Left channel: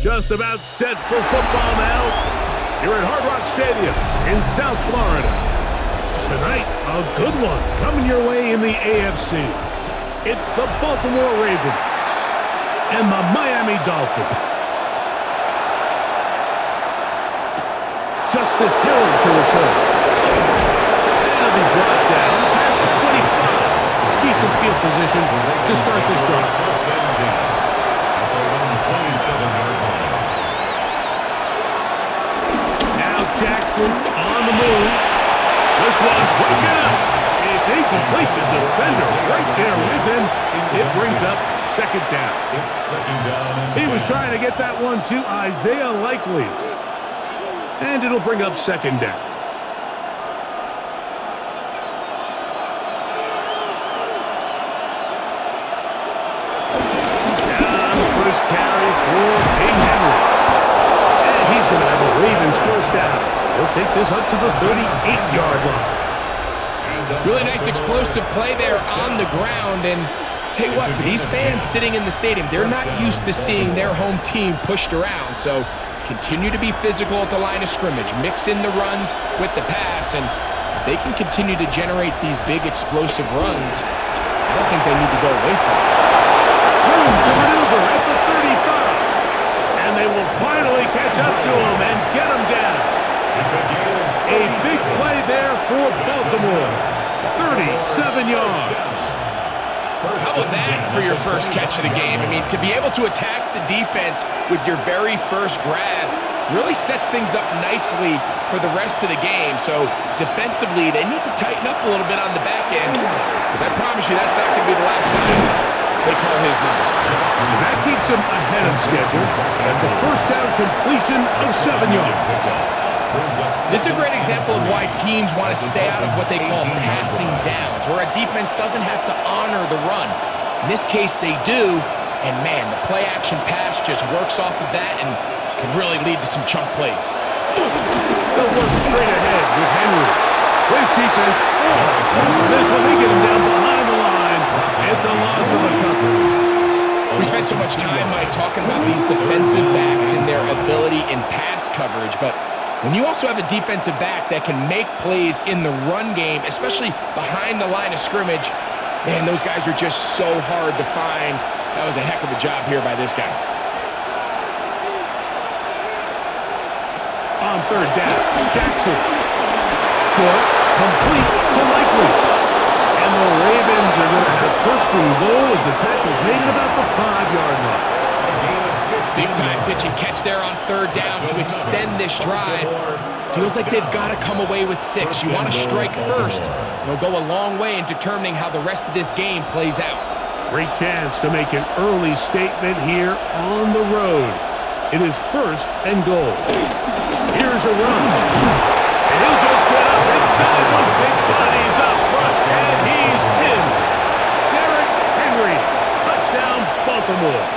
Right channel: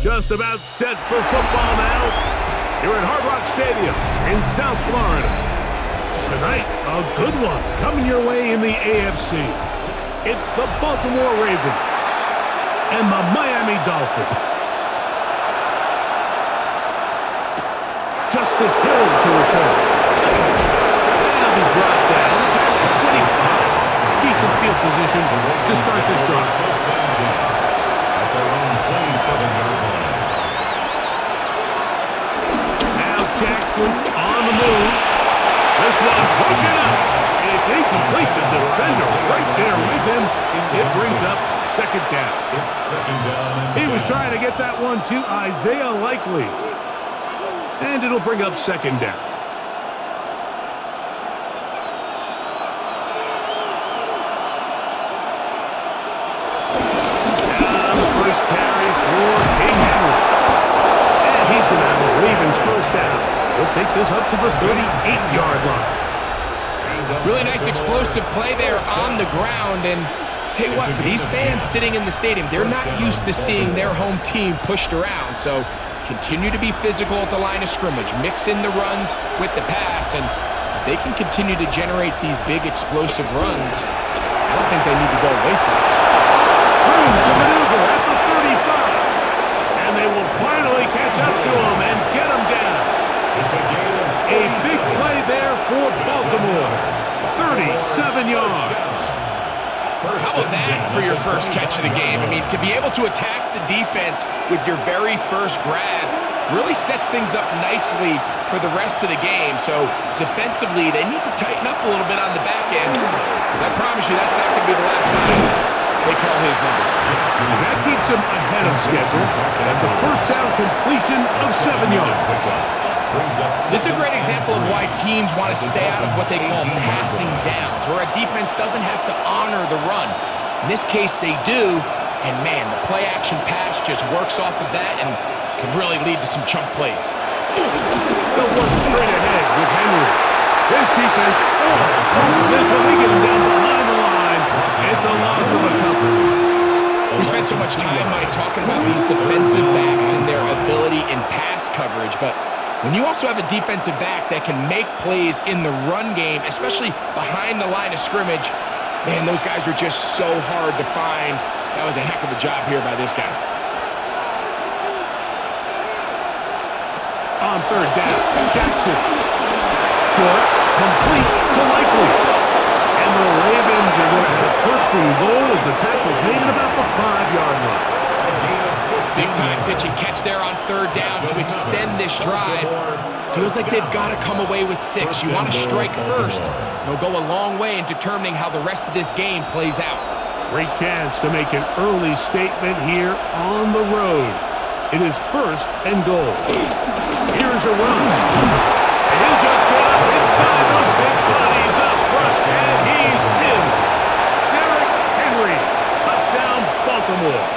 Just about set for football now. Here at Hard Rock Stadium in South Florida. Tonight, a good one coming your way in the AFC. It's the Baltimore Ravens and the Miami Dolphins. Justice Hill to return. And it'll be brought down past the 25. Decent field position to start this drive. First and 10 at their own 27-yard line. Now Jackson on the move. This one broken up. It's incomplete. The defender right there with him. It brings up second down. It's second down and He was 10. trying to get that one to Isaiah Likely. And it'll bring up second down. Down the first carry for King Henry. And he's going to have a Ravens first down. He'll take this up to the 38-yard line. Really nice explosive play there on the ground. And tell you what, for these fans sitting in the stadium, they're not used to seeing their home team pushed around. So continue to be physical at the line of scrimmage. Mix in the runs with the pass. And if they can continue to generate these big explosive runs, I don't think they need to go away from it. Room to maneuver at the 35. And they will finally catch up to him and get him down. It's a gain of A big 37. play there for Baltimore. 37 yards. How about that for your first catch of the game? I mean, to be able to attack the defense with your very first grab really sets things up nicely for the rest of the game. So defensively, they need to tighten up a little bit on the back end, because I promise you that's not going to be the last time they call his number. And that keeps him ahead of schedule. That's a first down completion of 7 yards. This is a great example of why teams want to stay out of what they call passing downs, where a defense doesn't have to honor the run. In this case, they do, and man, the play-action pass just works off of that and can really lead to some chunk plays. They'll work straight ahead with Henry. This defense, for this one, they get him down behind the line. It's a loss of a couple. We spent so much time, Mike, talking about these defensive backs and their ability in pass coverage, but when you also have a defensive back that can make plays in the run game, especially behind the line of scrimmage, man, those guys are just so hard to find. That was a heck of a job here by this guy. On third down, Jackson. Short, complete to Likely. And the Ravens are going to have first and goal as the tackle's made at about the 5-yard line. Big-time pitch and catch there on third down to extend this drive. Feels like they've got to come away with 6. You want to strike first. It'll go a long way in determining how the rest of this game plays out. Great chance to make an early statement here on the road. It is first and goal. Here's a run. And he'll just get up inside those big bodies up front. And he's in. Derrick Henry. Touchdown, Baltimore.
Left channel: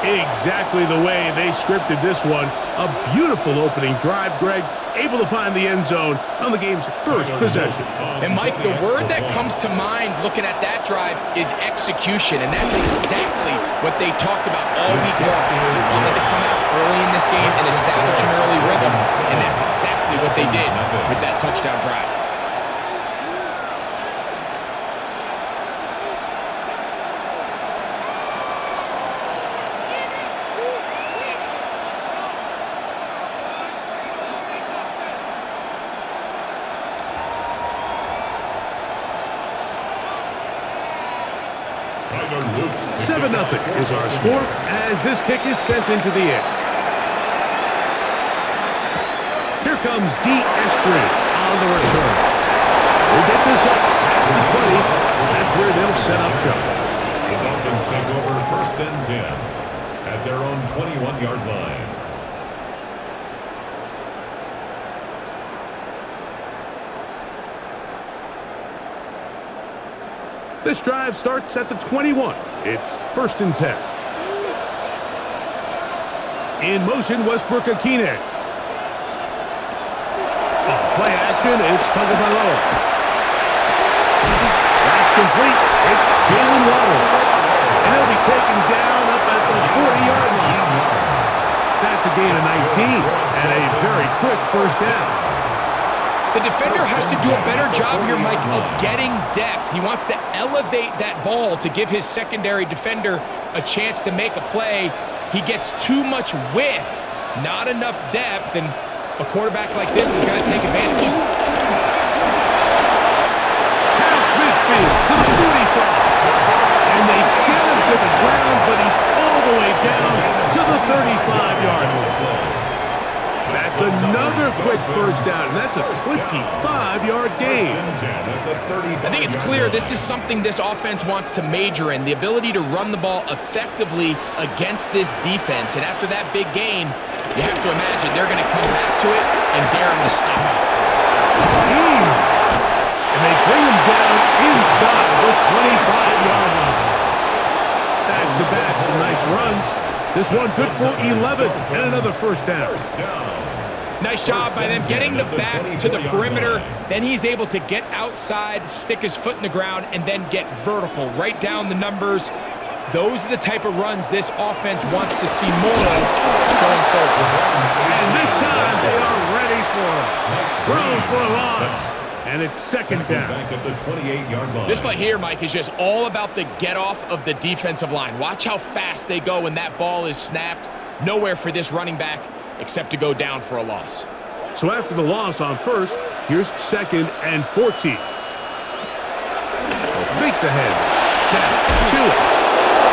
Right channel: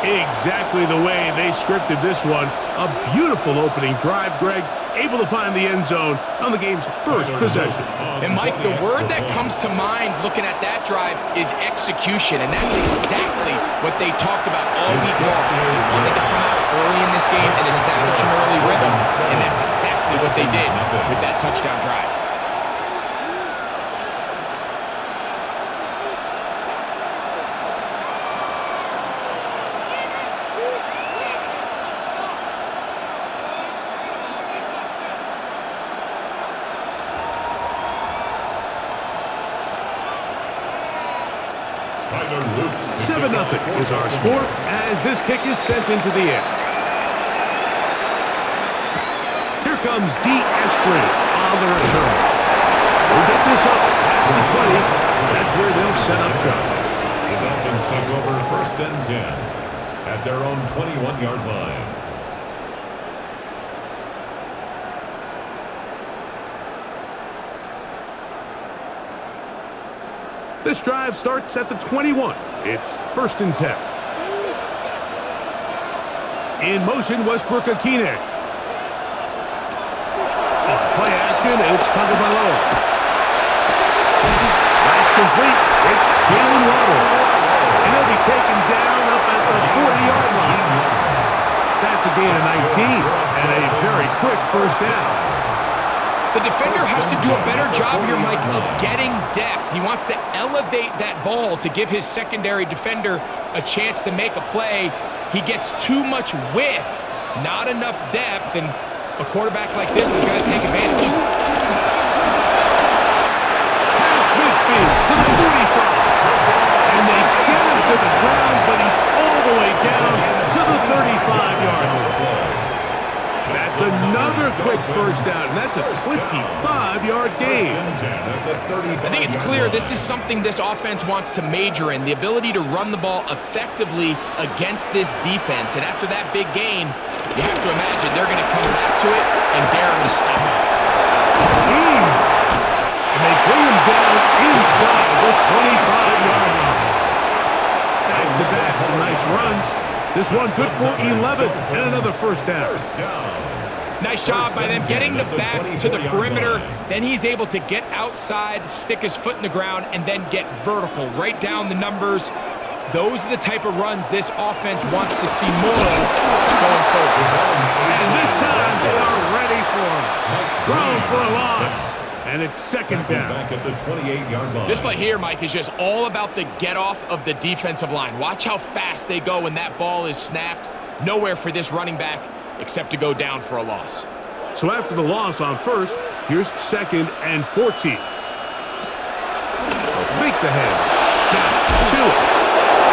Exactly the way they scripted this one. A beautiful opening drive, Greg. Able to find the end zone on the game's first possession. And, Mike, the word that comes to mind looking at that drive is execution, and that's exactly what they talked about all week long. They wanted to come out early in this game and establish an early rhythm, and that's exactly what they did with that touchdown drive. Tyler Luke. 7-0 is our score as this kick is sent into the air. Here comes D. Eskridge on the return. We'll get this up past the 20. That's where they'll set up shop. The Dolphins take over first and 10 at their own 21-yard line. This drive starts at the 21. It's first and 10. In motion, Westbrook-Akine. On play action, it's Tagovailoa. That's complete. It's Jalen Waddle. And he'll be taken down up at the 20-yard line. That's a gain of 19 and a very quick first down. The defender has to do a better job here, Mike, of getting depth. He wants to elevate that ball to give his secondary defender a chance to make a play. He gets too much width, not enough depth, and a quarterback like this is going to take advantage. Past midfield to the 45. And they get him to the ground, but he's all the way down to the 35-yard line. That's another quick first down, and that's a 25-yard gain. I think it's clear this is something this offense wants to major in, the ability to run the ball effectively against this defense. And after that big gain, you have to imagine they're going to come back to it and dare him to stop him. And they bring him down inside the 25-yard line. Back-to-back, some nice runs. This one good for 11 and another first down. Nice job by them getting the back to the perimeter. Then he's able to get outside, stick his foot in the ground, and then get vertical. Right down the numbers. Those are the type of runs this offense wants to see more of going forward. And this time they are ready for him. Thrown for a loss. And it's second down. Back at the 28-yard line. This play here, Mike, is just all about the get-off of the defensive line. Watch how fast they go when that ball is snapped. Nowhere for this running back except to go down for a loss. So after the loss on first, here's second and 14. They'll fake the head. Now, Tua.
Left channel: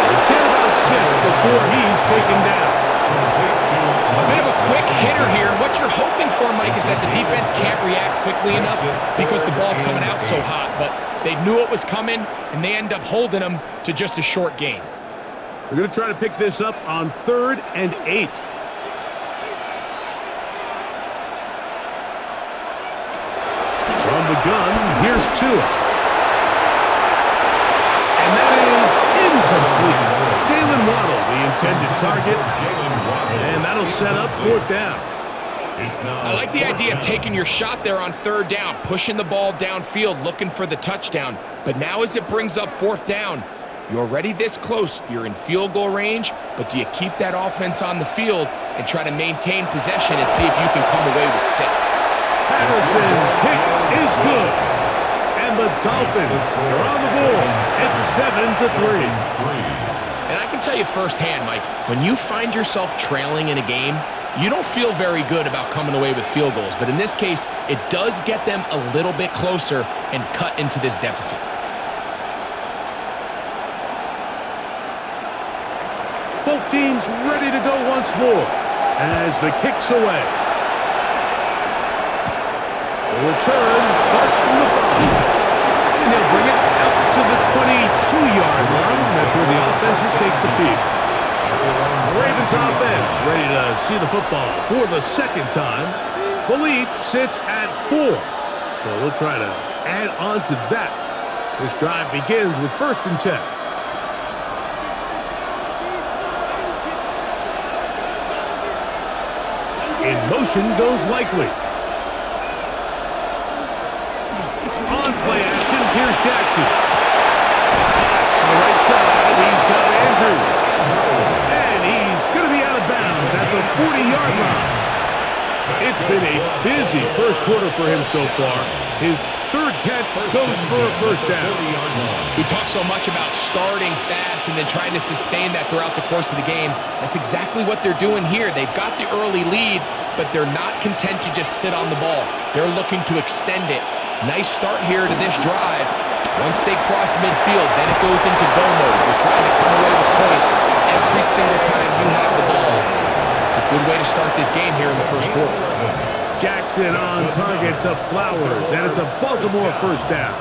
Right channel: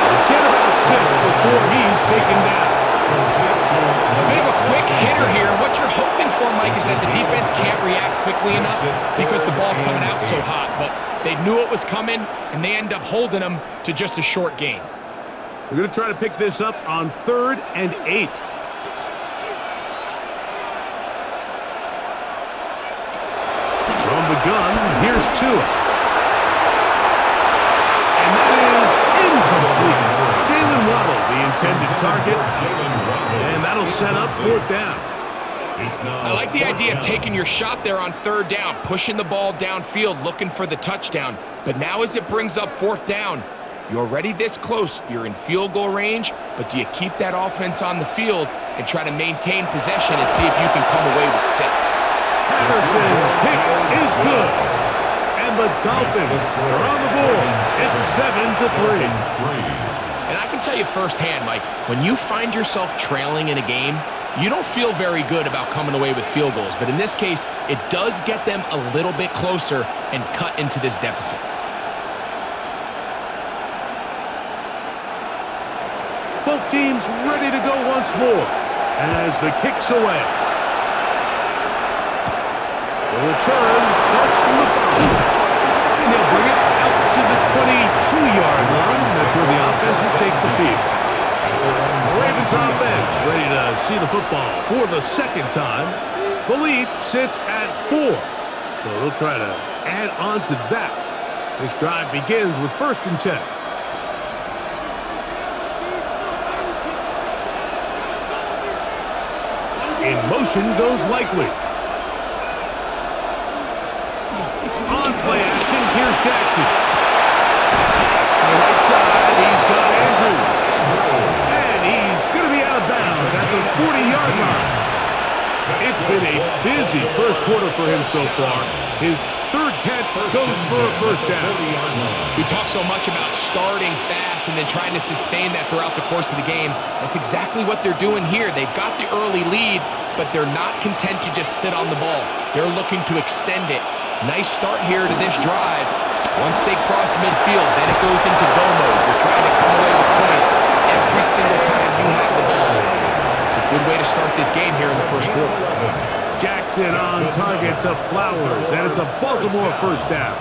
He'll get about 6 before he's taken down. A bit of a quick hitter here, and what you're hoping for, Mike, is that the defense can't react quickly enough because the ball's coming out so hot, but they knew it was coming, and they end up holding them to just a short gain. They're going to try to pick this up on 3rd and 8. From the gun, here's Tua. And that is incomplete. Jalen Waddle, the intended target, and that'll set up 4th down. I like the idea of taking your shot there on 3rd down, pushing the ball downfield, looking for the touchdown. But now as it brings up 4th down, you're already this close. You're in field goal range, but do you keep that offense on the field and try to maintain possession and see if you can come away with 6? Patterson's kick is good. And the Dolphins are on the board. It's 7-3. And I can tell you firsthand, Mike, when you find yourself trailing in a game, you don't feel very good about coming away with field goals. But in this case, it does get them a little bit closer and cut into this deficit. Both teams ready to go once more as the kick's away. The return starts from the foul. And he'll bring it out to the 22-yard line. That's where the offense will take the field. The Ravens offense ready to see the football for the second time. The lead sits at 4. So they'll try to add on to that. This drive begins with 1st and 10. In motion goes Likely. On play action, here's Jackson. That's to the right side. He's got Andrews. And he's going to be out of bounds at the 40-yard line. It's been a busy first quarter for him so far. His 3rd catch goes for a first down. We talk so much about starting fast and then trying to sustain that throughout the course of the game. That's exactly what they're doing here. They've got the early lead, but they're not content to just sit on the ball. They're looking to extend it. Nice start here to this drive. Once they cross midfield, then it goes into go mode. You're trying to come away with points every single time you have the ball. It's a good way to start this game here in the first quarter. Jackson on target to Flowers, and it's a Baltimore first down.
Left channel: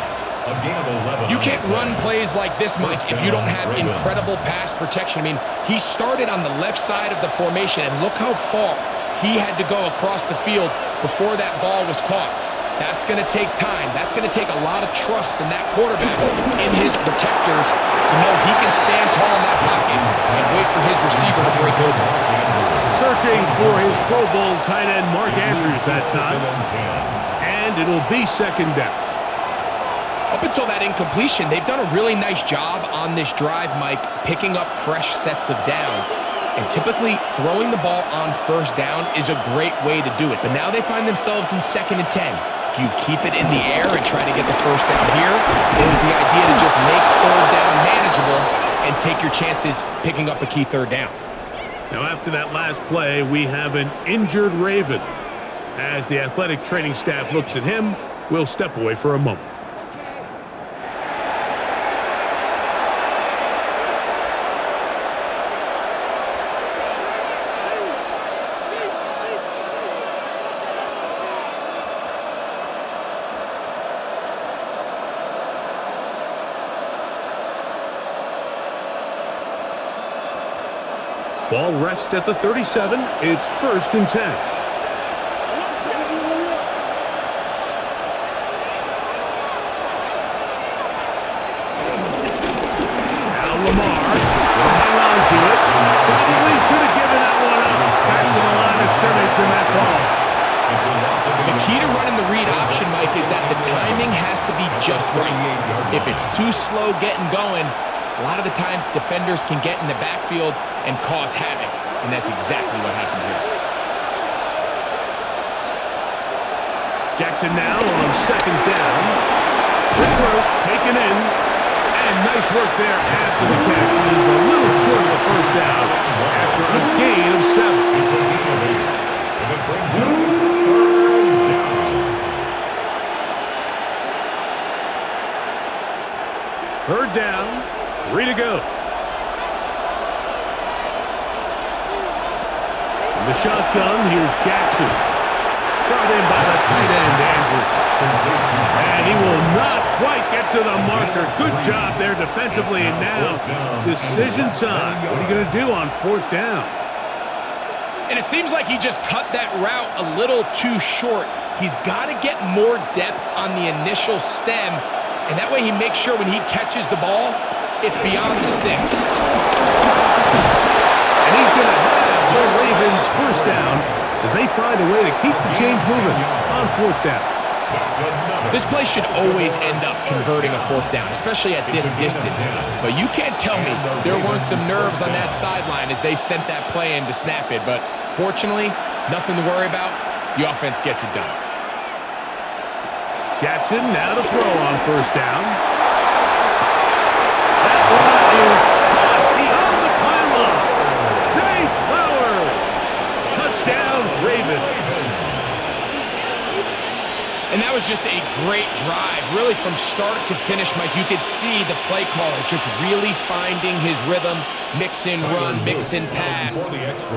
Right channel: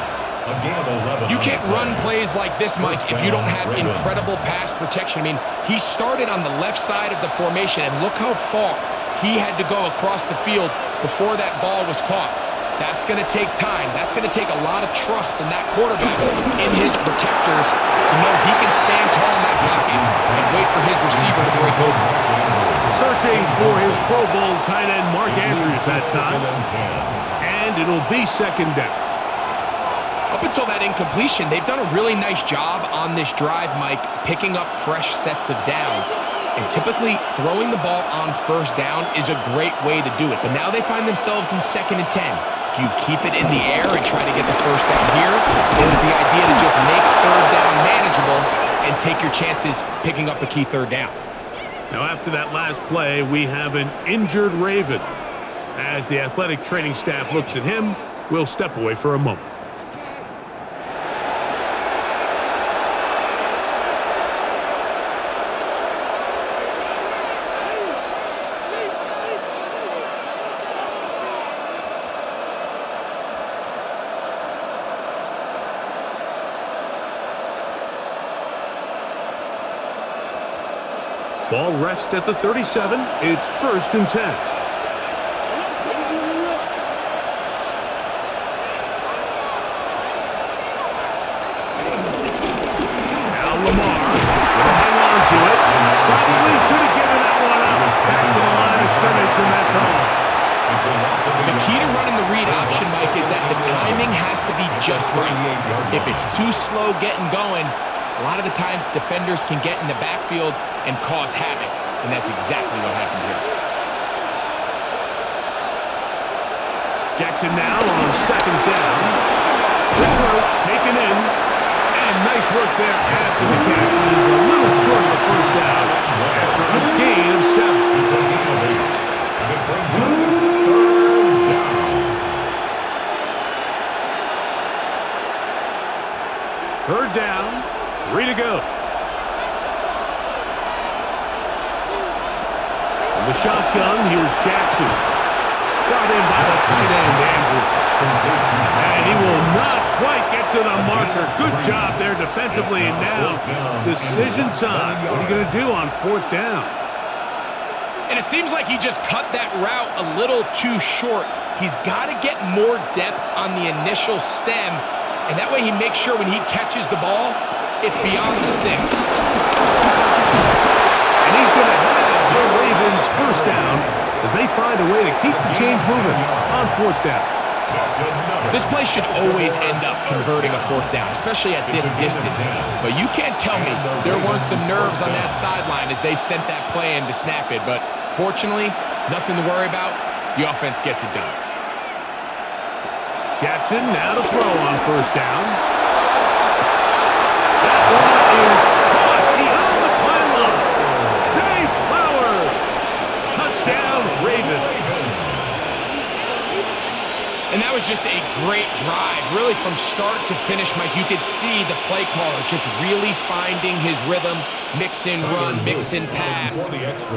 You can't run plays like this, Mike, if you don't have incredible pass protection. I mean, he started on the left side of the formation, and look how far he had to go across the field before that ball was caught. That's going to take time. That's going to take a lot of trust in that quarterback, in his protectors, to know he can stand tall in that pocket and wait for his receiver to break open. Searching for his Pro Bowl tight end Mark Andrews that time. And it'll be 2nd down. Up until that incompletion, they've done a really nice job on this drive, Mike, picking up fresh sets of downs. And typically, throwing the ball on first down is a great way to do it. But now they find themselves in 2nd and 10. Do you keep it in the air and try to get the first down here? Or is the idea to just make 3rd down manageable and take your chances picking up a key 3rd down? Now, after that last play, we have an injured Raven. As the athletic training staff looks at him, we'll step away for a moment. Ball rests at the 37. It's 1st and 10. Now Lamar with a hang on to it. Probably should have given that one up. Back to the line of scrimmage, and that's all. The key to running the read option, Mike, is that the timing has to be just right. If it's too slow getting going, a lot of the times defenders can get in the backfield and cause havoc, and that's exactly what happened here. Jackson now on 2nd down. Quick throw, taken in, and nice work there after the catch. He's a little short of the first down after a gain of 7. It's a gain of 8, and it brings up 3rd down. 3rd down, 3 to go. From the shotgun, here's Jackson. Brought in by the tight end, Andrews. And he will not quite get to the marker. Good job there defensively, and now decision time. What are you going to do on 4th down? And it seems like he just cut that route a little too short. He's got to get more depth on the initial stem, and that way he makes sure when he catches the ball, it's beyond the sticks. And he's going to have the Ravens' 1st down as they find a way to keep the chains moving on 4th down. This play should always end up converting a 4th down, especially at this distance. But you can't tell me there weren't some nerves on that sideline as they sent that play in to snap it. But fortunately, nothing to worry about. The offense gets it done. Jackson now to throw on 1st down. That one is caught beyond the pylon. Zay Flowers. Touchdown, Ravens. And that was just a great drive, really from start to finish, Mike. You could see the play caller just really finding his rhythm, mix in run, mix in pass,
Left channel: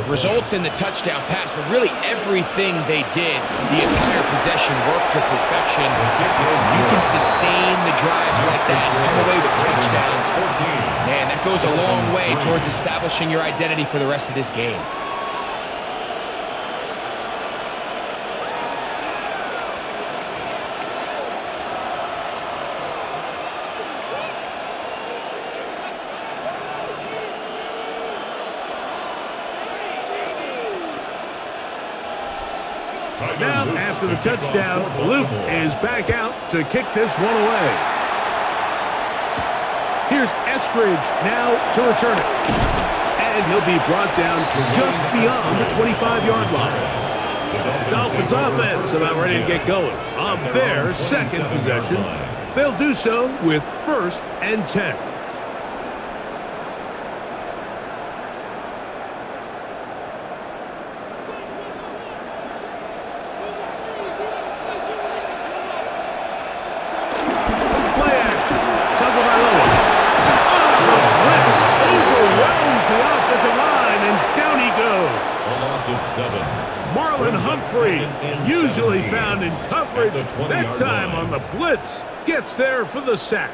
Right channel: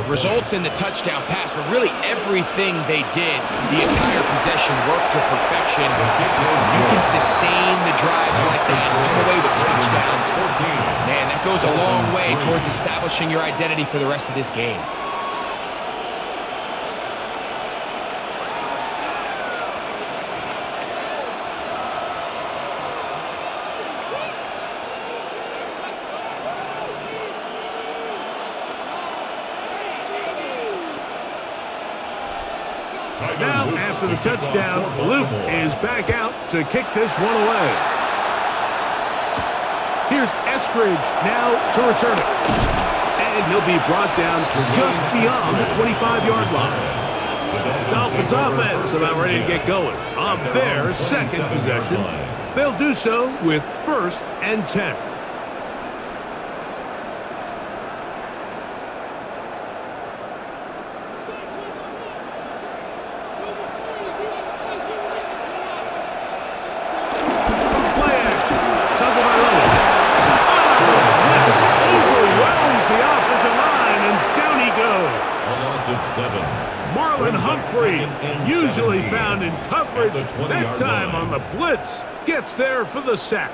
results in the touchdown pass, but really everything they did, the entire possession worked to perfection. You can sustain the drives like that and come away with touchdowns. Man, that goes a long way towards establishing your identity for the rest of this game. Now, after the touchdown, Luke is back out to kick this one away. Here's Eskridge now to return it. And he'll be brought down just beyond the 25-yard line. The Dolphins offense about ready to get going on their 2nd possession. They'll do so with 1st and 10. A loss of 7. Marlon Humphrey, usually found in coverage, that time on the blitz, gets there for the sack.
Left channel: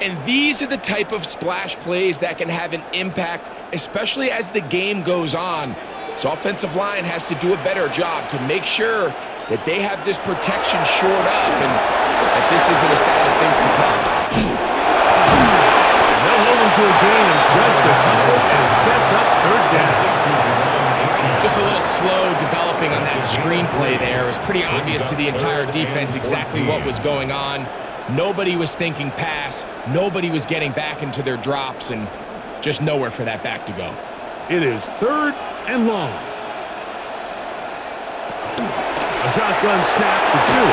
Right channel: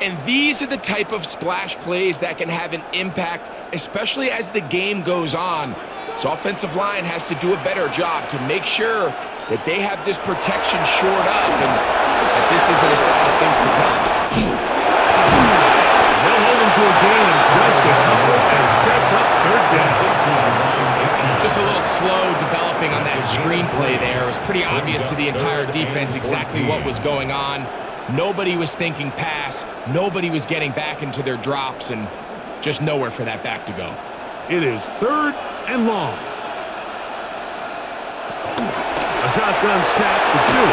And these are the type of splash plays that can have an impact, especially as the game goes on. So offensive line has to do a better job to make sure that they have this protection shored up and that this isn't a sign of things to come. And they'll hold him to a gain of just a couple and sets up 3rd down. Just a little slow developing on that screenplay there. It was pretty obvious to the entire defense exactly what was going on. Nobody was thinking pass. Nobody was getting back into their drops, and just nowhere for that back to go. It is 3rd and long. A shotgun snap to Tua.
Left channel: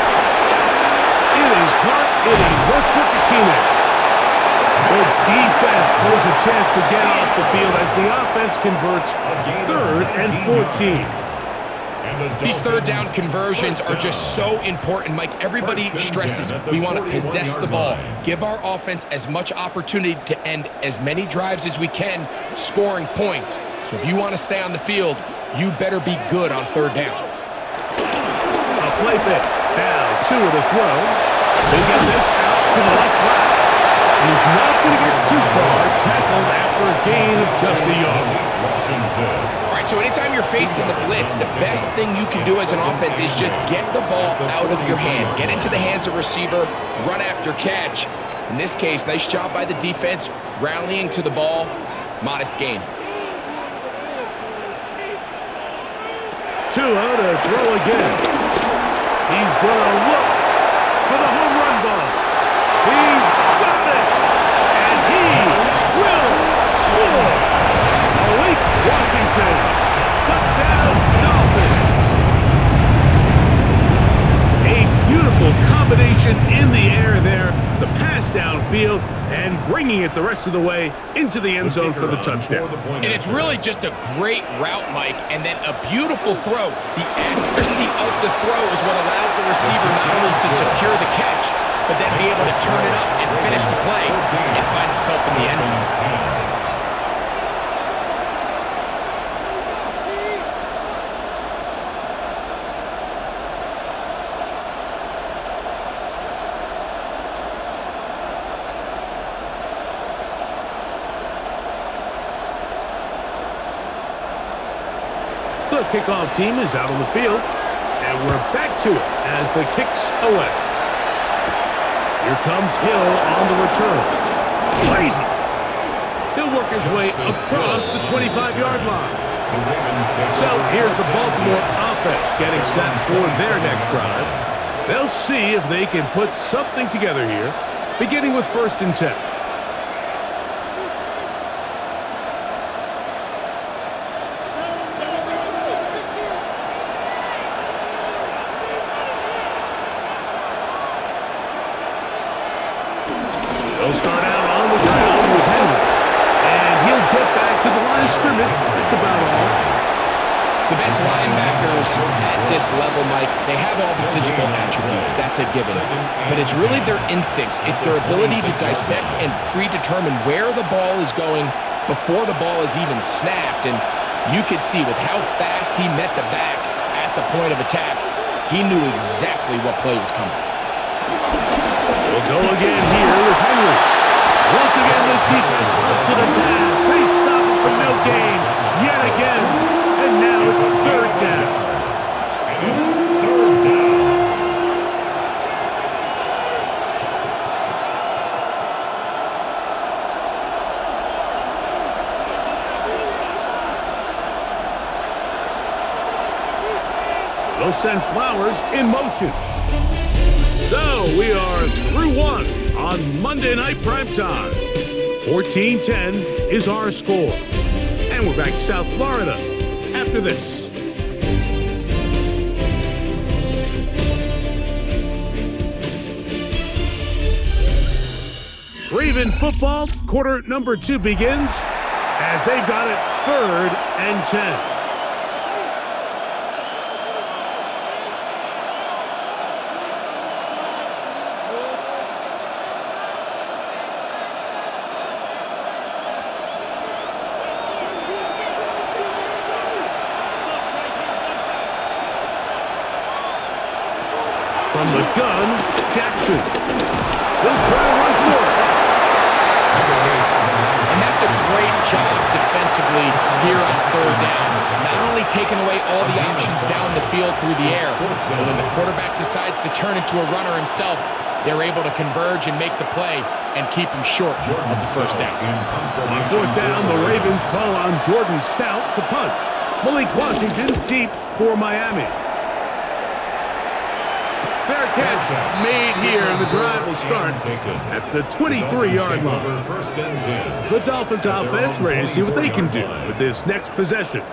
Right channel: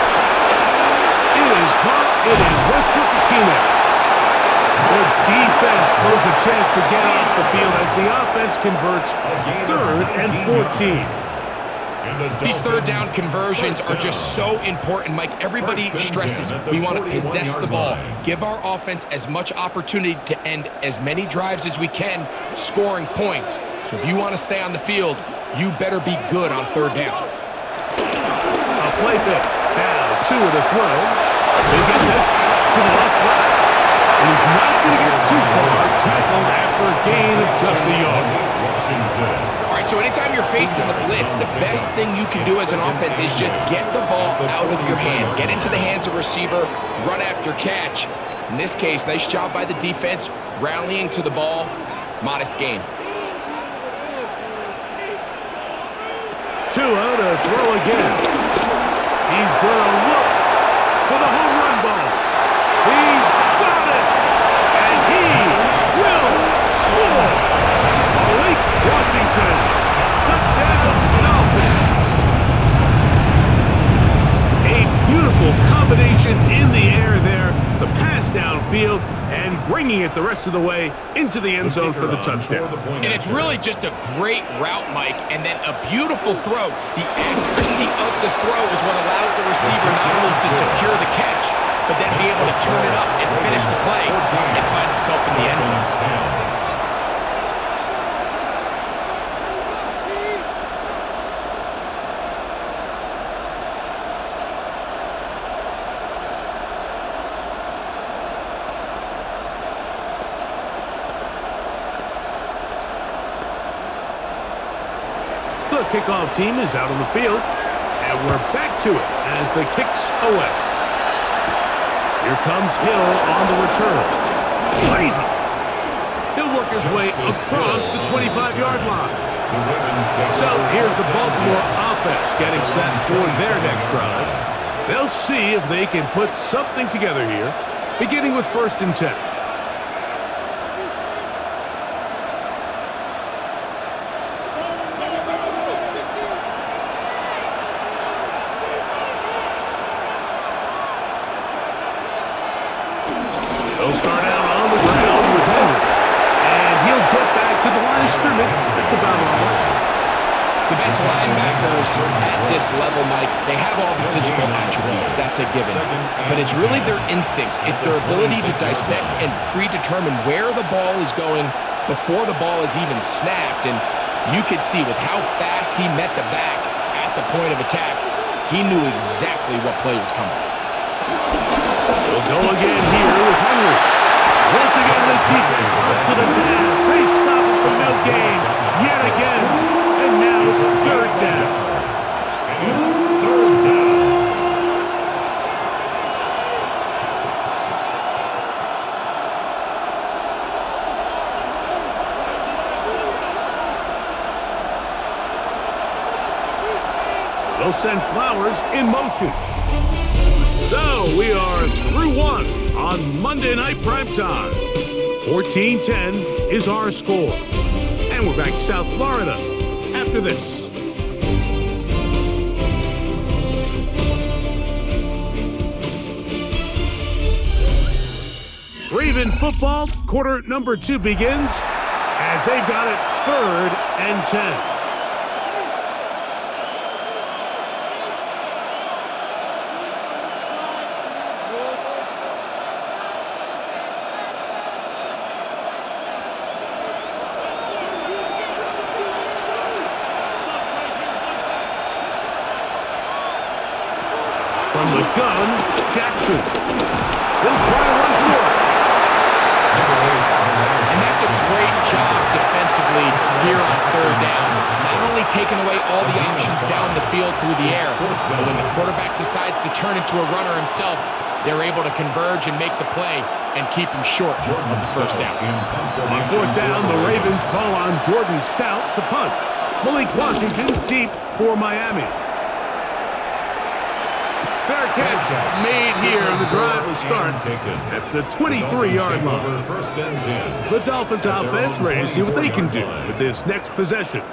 It is caught. It is Westbrook-Ikhine. The defense blows a chance to get off the field as the offense converts 3rd and 14. These 3rd down conversions are just so important, Mike. Everybody stresses we want to possess the ball, give our offense as much opportunity to end as many drives as we can, scoring points. So if you want to stay on the field, you better be good on 3rd down. A play fake. Now Tua to throw. He'll get this out to the left flat. And he's not going to get too far, tackled after a gain of just a yard. All right, so anytime you're facing the blitz, the best thing you can do as an offense is just get the ball out of your hand. Get into the hands of receiver, run after catch. In this case, nice job by the defense, rallying to the ball. Modest gain. Tua to throw again. He's going to look for the home run ball. He's got it, and he will score. Malik Washington, touchdown Dolphins. A beautiful combination in the air there, the pass downfield, and bringing it the rest of the way into the end zone for the touchdown. And it's really just a great route, Mike, and then a beautiful throw. The accuracy of the throw is what allowed the receiver not only to secure the catch, but then be able to turn it up and finish the play and find himself in the end zone. The kickoff team is out on the field, and we're back to it as the kick's away. Here comes Hill on the return. Crazy. He'll work his way across the 25-yard line. So here's the Baltimore offense getting set for their next drive. They'll see if they can put something together here, beginning with 1st and 10. They'll start out on the ground with Henry. And he'll get back to the line of scrimmage. That's about all. The best linebackers at this level, Mike, they have all the physical attributes. That's a given. But it's really their instincts. It's their ability to dissect and predetermine where the ball is going before the ball is even snapped. And you could see with how fast he met the back at the point of attack, he knew exactly what play was coming. They'll go again here with Henry. Once again, this defense up to the task. They stop it for no gain yet again. And now it's 3rd down. And it's 3rd down. They'll send Flowers in motion. So we are through one on Monday Night Primetime. 14-10 is our score. And we're back to South Florida after this. Raven football, quarter number 2 begins as they've got it 3rd and 10. From the gun, Jackson. He'll try to run for it. And that's a great job defensively here on 3rd down. Not only taking away all the options down the field through the air, but when the quarterback decides to turn into a runner himself, they're able to converge and make the play and keep him short of the 1st down. On 4th down, the Ravens call on Jordan Stout to punt. Malik Washington deep for Miami. Fair catch made here, and the drive will start at the 23-yard line. First and 10. The Dolphins offense ready to see what they can do with this next possession.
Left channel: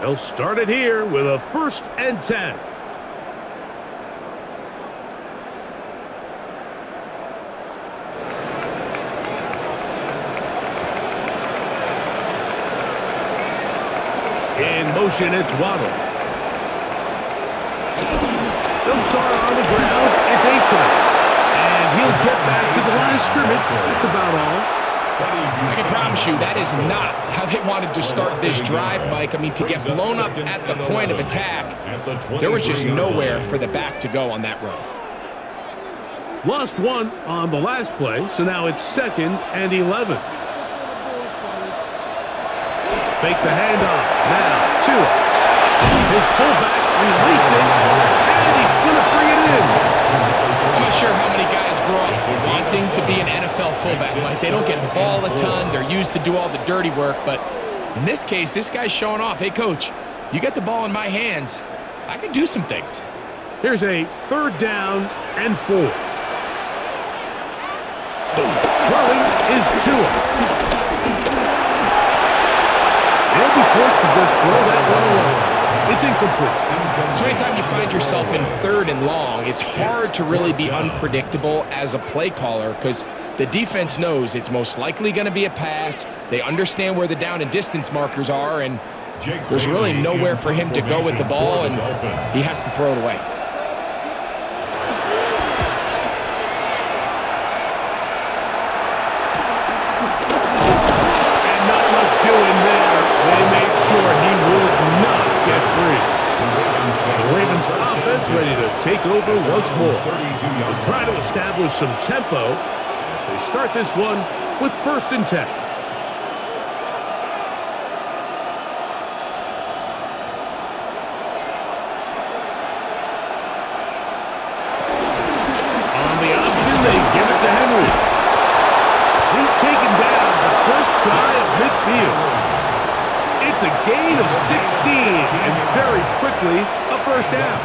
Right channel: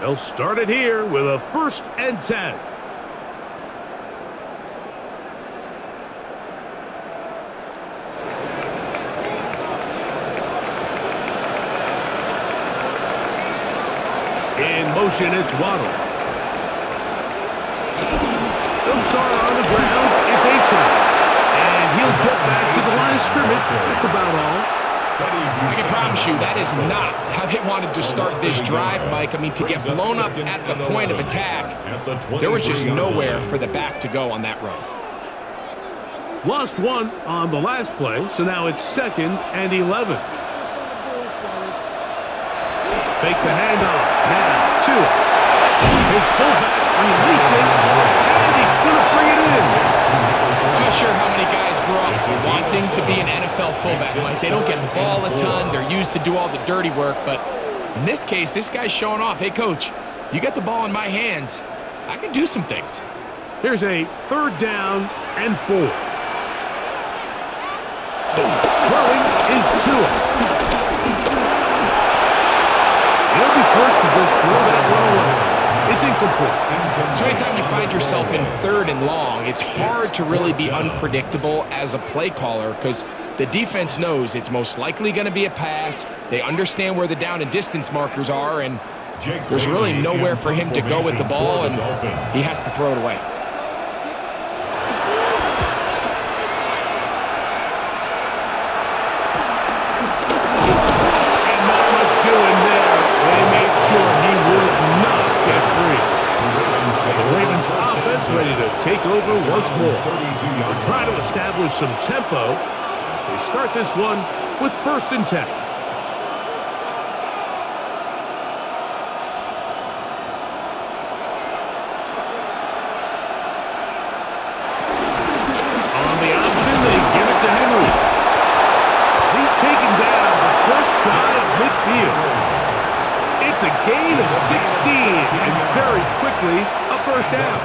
They'll start it here with a 1st and 10. In motion, it's Waddle. They'll start on the ground. It's Achane. And he'll get back to the line of scrimmage. That's about all. I can promise you that is not how they wanted to start this drive, Mike. I mean, to get blown up at the point of attack, there was just nowhere for the back to go on that run. Lost one on the last play, so now it's 2nd and 11. Fake the handoff. Now, Tua. His fullback releasing, and he's going to bring it in. I'm not sure how many guys grow up wanting to be an NFL fullback. Like, they don't get the ball a ton. They're used to do all the dirty work. But in this case, this guy's showing off. Hey, coach, you got the ball in my hands. I can do some things. Here's a 3rd down and 4. Throwing is Tua. He'll be forced to just throw that one away. It's incomplete. So anytime you find yourself in 3rd and long, it's hard to really be unpredictable as a play caller because the defense knows it's most likely going to be a pass. They understand where the down and distance markers are, and there's really nowhere for him to go with the ball, and he has to throw it away. And not much doing there. They made sure he would not get free. The Ravens offense ready to take over once more. They're trying to establish some tempo as they start this one with 1st and 10. On the option, they give it to Henry. He's taken down, but just shy of midfield. It's a gain of 16, and very quickly, a 1st down.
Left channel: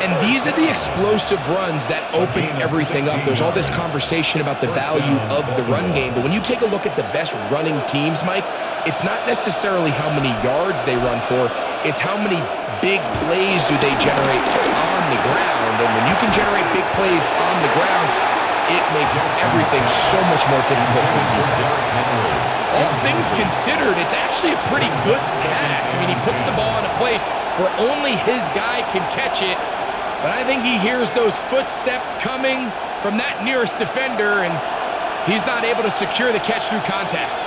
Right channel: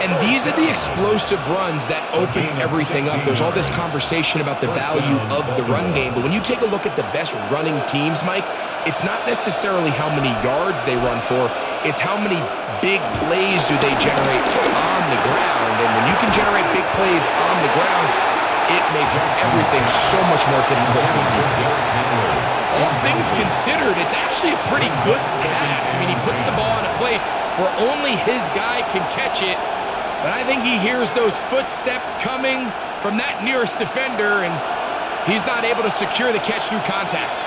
And these are the explosive runs that open everything up. There's all this conversation about the value of the run game, but when you take a look at the best running teams, Mike, it's not necessarily how many yards they run for, it's how many big plays do they generate on the ground. And when you can generate big plays on the ground, it makes everything so much more difficult for the defense. All things considered, it's actually a pretty good pass. I mean, he puts the ball in a place where only his guy can catch it, but I think he hears those footsteps coming from that nearest defender, and he's not able to secure the catch through contact.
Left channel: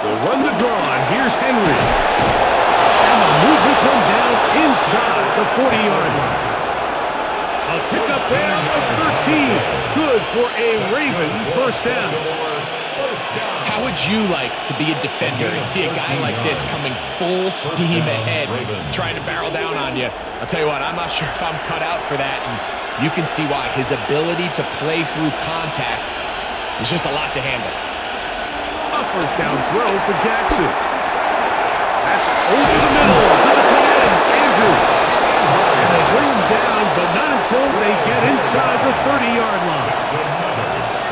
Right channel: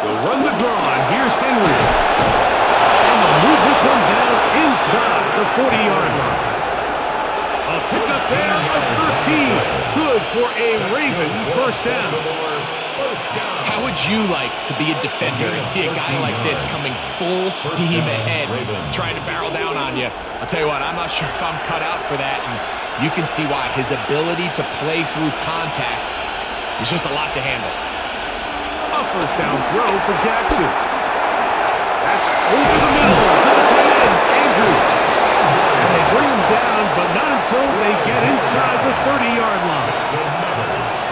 They'll run the draw, and here's Henry. And they'll move this one down inside the 40-yard line. A pickup there of 13. Good for a Raven 1st down. How would you like to be a defender and see a guy like this coming full steam ahead, trying to barrel down on you? I'll tell you what, I'm not sure if I'm cut out for that, and you can see why. His ability to play through contact is just a lot to handle. A 1st down throw for Jackson. That's over the middle to the tight end, Andrews. And they bring him down, but not until they get inside the 30-yard line.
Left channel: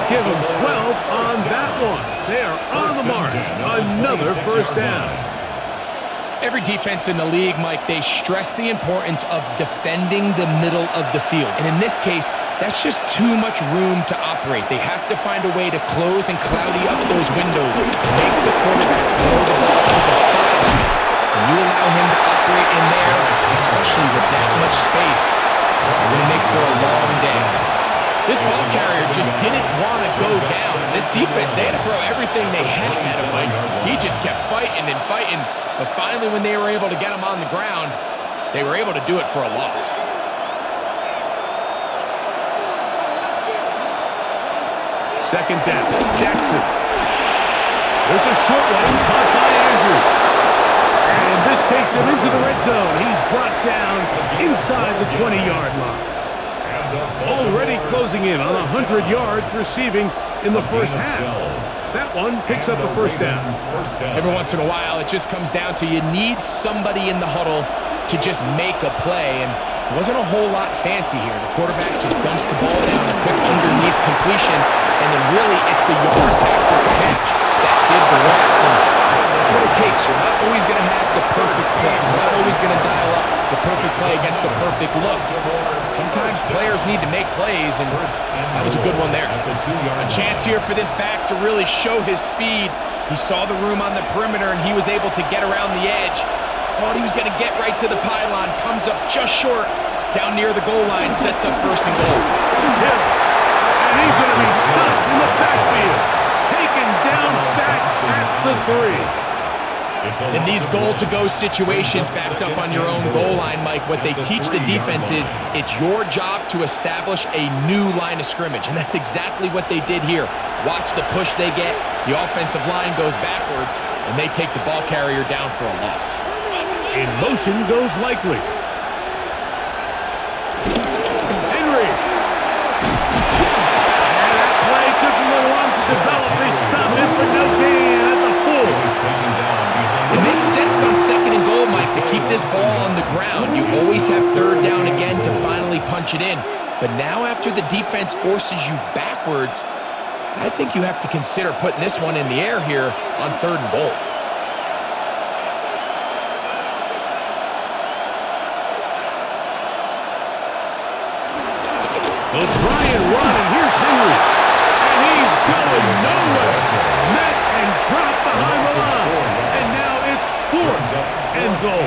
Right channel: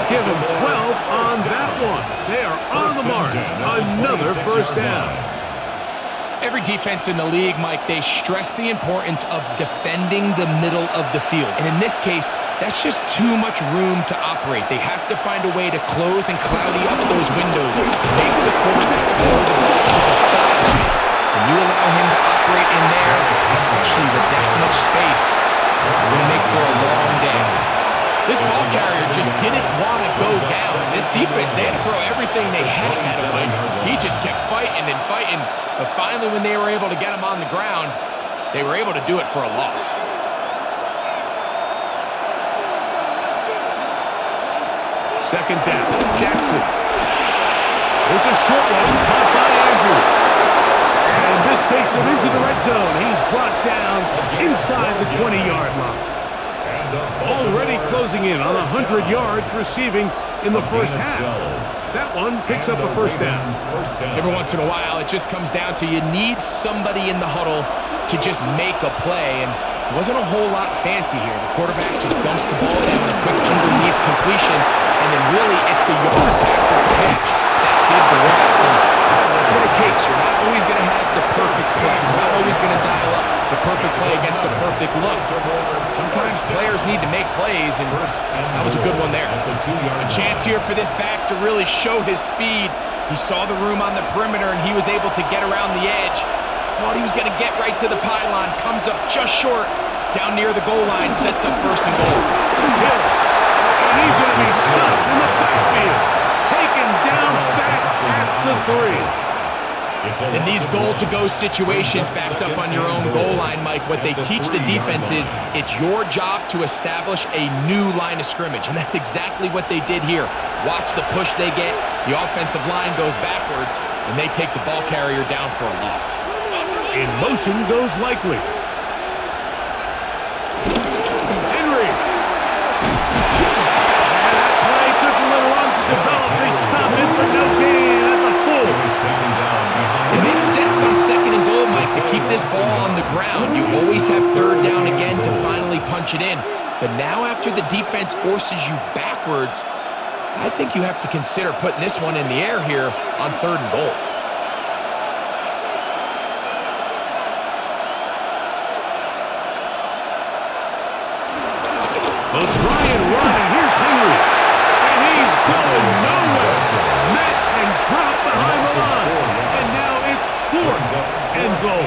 Give them 12 on that one. They are on the march. Another 1st down. Every defense in the league, Mike, they stress the importance of defending the middle of the field. And in this case, that's just too much room to operate. They have to find a way to close and cloudy up those windows, make the quarterback throw the ball to the sidelines. When you allow him to operate in there, especially with that much space, you're going to make for a long day. This ball carrier just didn't want to go down. And this defense, they had to throw everything they had at him. Like, he just kept fighting and fighting. But finally, when they were able to get him on the ground, they were able to do it for a loss. Second down, Jackson. There's a short one caught by Andrews. And this takes him into the red zone. He's brought down inside the 20-yard line. Already closing in on 100 yards receiving in the first half. That one picks up a first down. Every once in a while, it just comes down to you need somebody in the huddle to just make a play, and it wasn't a whole lot fancy here. The quarterback just dumps the ball down, a quick underneath completion, and then really it's the yards after catch that did the rest. And that's what it takes. You're not always going to have the perfect play. You're not always going to dial up the perfect play against the perfect look. Sometimes players need to make plays, and that was a good one there. A chance here for this back to really show his speed. He saw the room on the perimeter, and he was able to get around the edge. Thought he was going to get right to the pylon. Comes up just short. Down near the goal line, sets up first and goal. Hill, and he's going to be stopped in the backfield. Taken down back at the 3. In these goal-to-go situations backed up on your own goal line, Mike, what they teach the defense is it's your job to establish a new line of scrimmage, and that's exactly what they did here. Watch the push they get. The offensive line goes backwards, and they take the ball carrier down for a loss. In motion goes Likely. Henry. And that play took a little long to develop. They stop him for no gain at the 4. It makes sense on second and goal, Mike, to keep this ball on the ground. You always have third down again to finally punch it in. But now after the defense forces you backwards, I think you have to consider putting this one in the air here on third and goal. They'll try and run, and here's Henry. And he's going nowhere. Met and dropped behind the line. And now it's 4th and goal.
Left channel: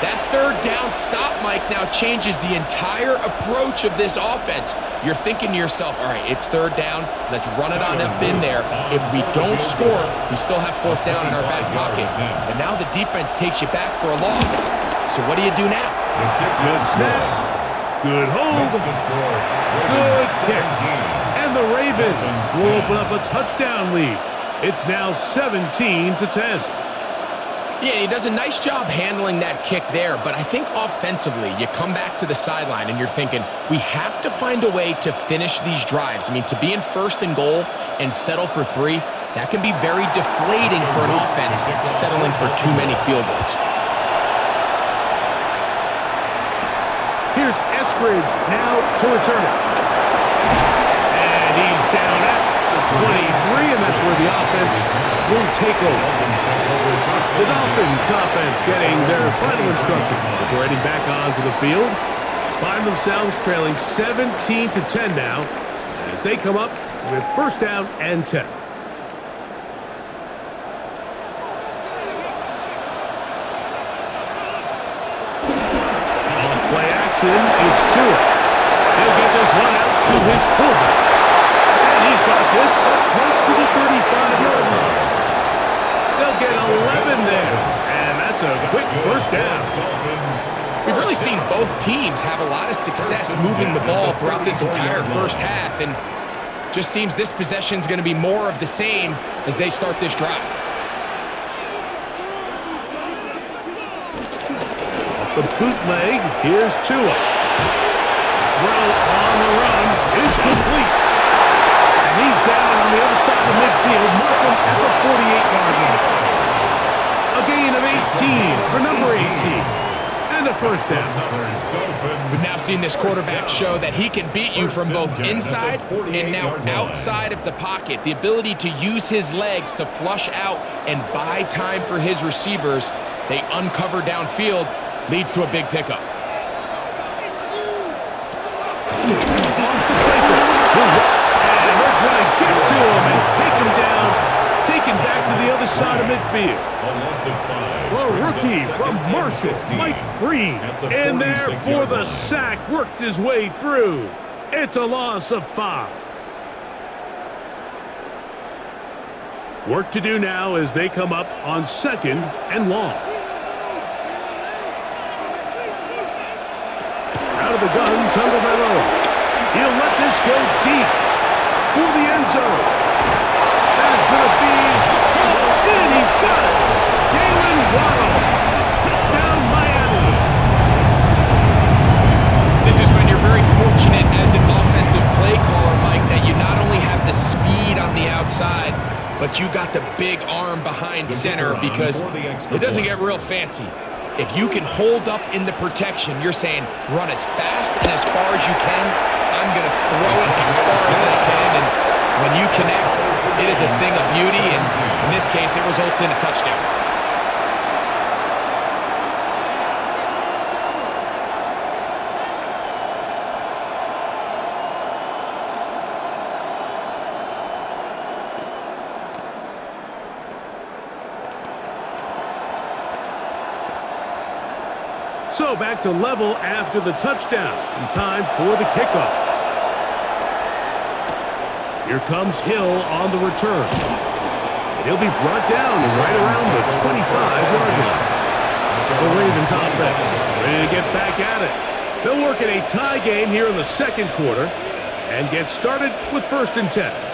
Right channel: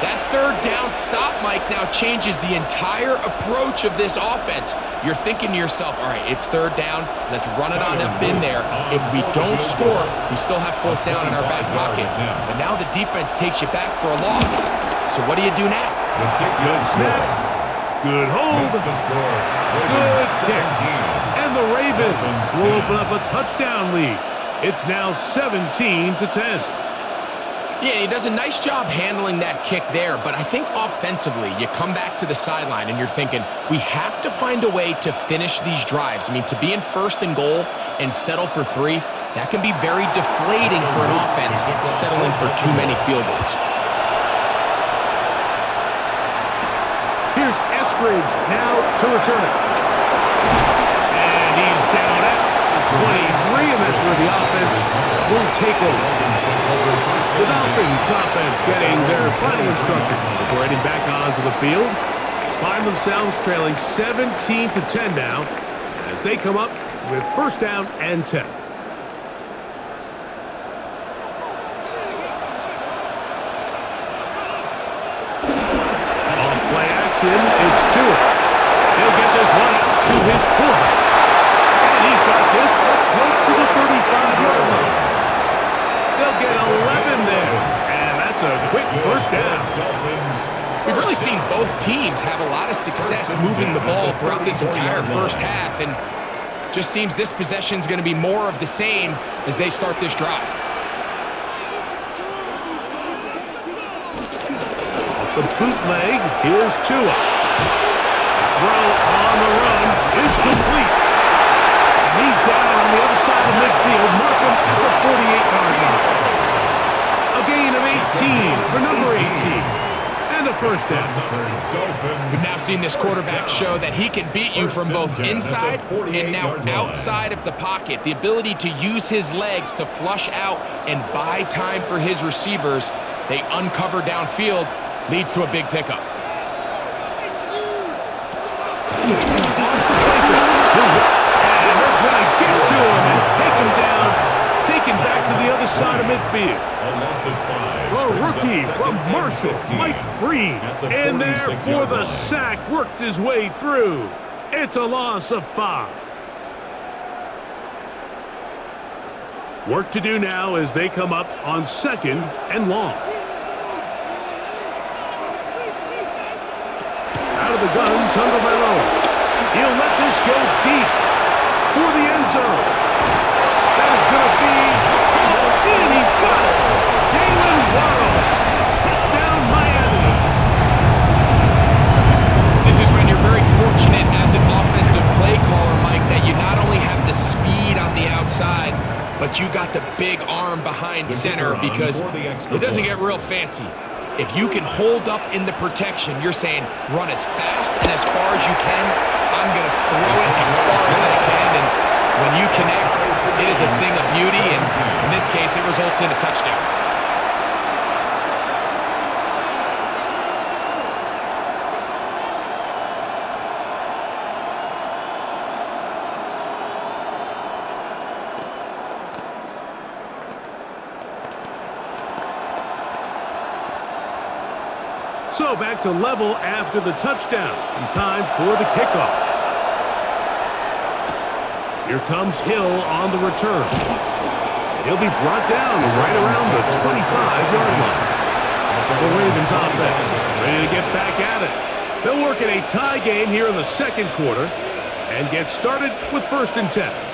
That third down stop, Mike, now changes the entire approach of this offense. You're thinking to yourself, all right, it's third down. Let's run it on up in there. If we don't score, we still have 4th down in our back pocket. But now the defense takes you back for a loss. So what do you do now? Good snap. Good hold. Good kick. And the Ravens will open up a touchdown lead. It's now 17-10. Yeah, he does a nice job handling that kick there, but I think offensively, you come back to the sideline and you're thinking, we have to find a way to finish these drives. I mean, to be in first and goal and settle for 3, that can be very deflating for an offense settling for too many field goals. Here's Eskridge now to return it. And he's down at the 23, and that's where the offense will take over. The Dolphins offense getting their final instruction before heading back onto the field. Find themselves trailing 17-10 now as they come up with first down and 10. Play action, it's Tua. He'll get this one out to his fullback. And he's got this up close to the 35-yard line. They'll get 11 there. And that's a quick first down. We've really seen both teams have a lot of success moving the ball throughout this entire first half. And just seems this possession is going to be more of the same as they start this drive. The bootleg, here's Tua. Throw on the run is complete. And he's down on the other side of midfield. Markham at the 48-yard line. A gain of 18 for number 18. And a first down. We've now seen this quarterback show that he can beat you from both inside and now outside of the pocket. The ability to use his legs to flush out and buy time for his receivers. They uncover downfield. Leads to a big pickup. Off the play fake. And they're going to get to him and take him down. Taken back to the other side of midfield. A loss of 5. The rookie from Marshall, Mike Green, in there for the sack. Worked his way through. It's a loss of 5. Work to do now as they come up on 2nd and long. Out of the gun, Tagovailoa. He'll let this go deep for the end zone. That is going to be hauled in. He's got it. Jalen Waddle. Touchdown, Miami. This is when you're very fortunate as an offensive play caller, Mike, that you not only have the speed on the outside, but you got the big arm behind center, because it doesn't get real fancy. If you can hold up in the protection, you're saying run as fast and as far as you can. I'm going to throw it as far as I can, and when you connect, it is a thing of beauty, and in this case, it results in a touchdown. So back to level after the touchdown, and time for the kickoff. Here comes Hill on the return. And he'll be brought down right around the 25-yard line. The Ravens offense ready to get back at it. They'll work in a tie game here in the second quarter and get started with 1st and 10.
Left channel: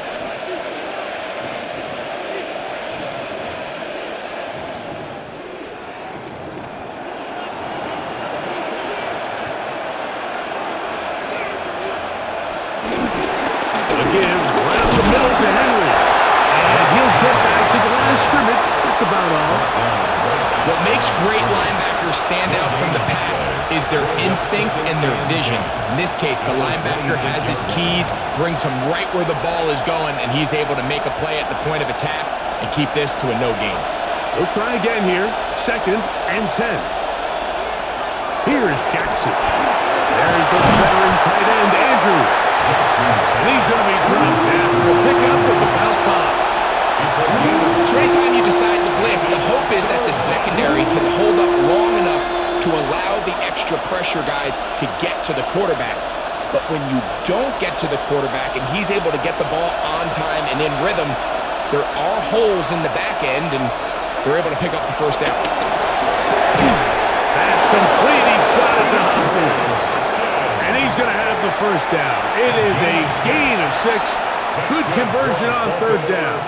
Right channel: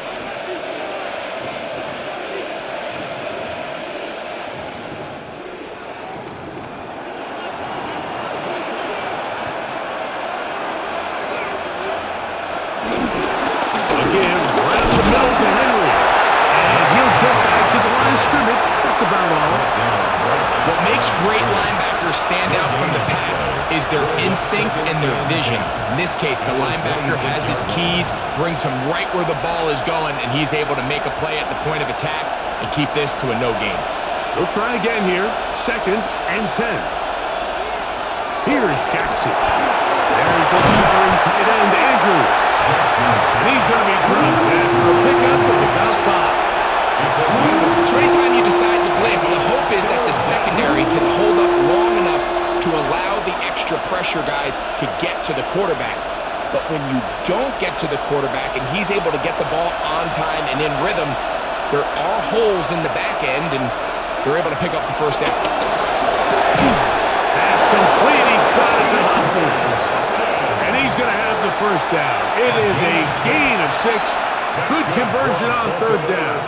Right up the middle to Henry. And he'll get back to the line of scrimmage. That's about all. What makes great linebackers stand out from the pack is their instincts and their vision. In this case, the linebacker has his keys, brings him right where the ball is going, and he's able to make a play at the point of attack and keep this to a no gain. They'll try again here. 2nd and 10. Here's Jackson. There's the veteran tight end, Andrews. And he's going to be dropped after a pickup of about 5. So anytime you decide to blitz, the hope is that the secondary can hold up long enough to allow the extra pressure guys to get to the quarterback. But when you don't get to the quarterback and he's able to get the ball on time and in rhythm, there are holes in the back end, and they're able to pick up the 1st down. That's complete. He got it to Hopkins. And he's going to have the 1st down. It is a gain of 6. Good conversion on 3rd down.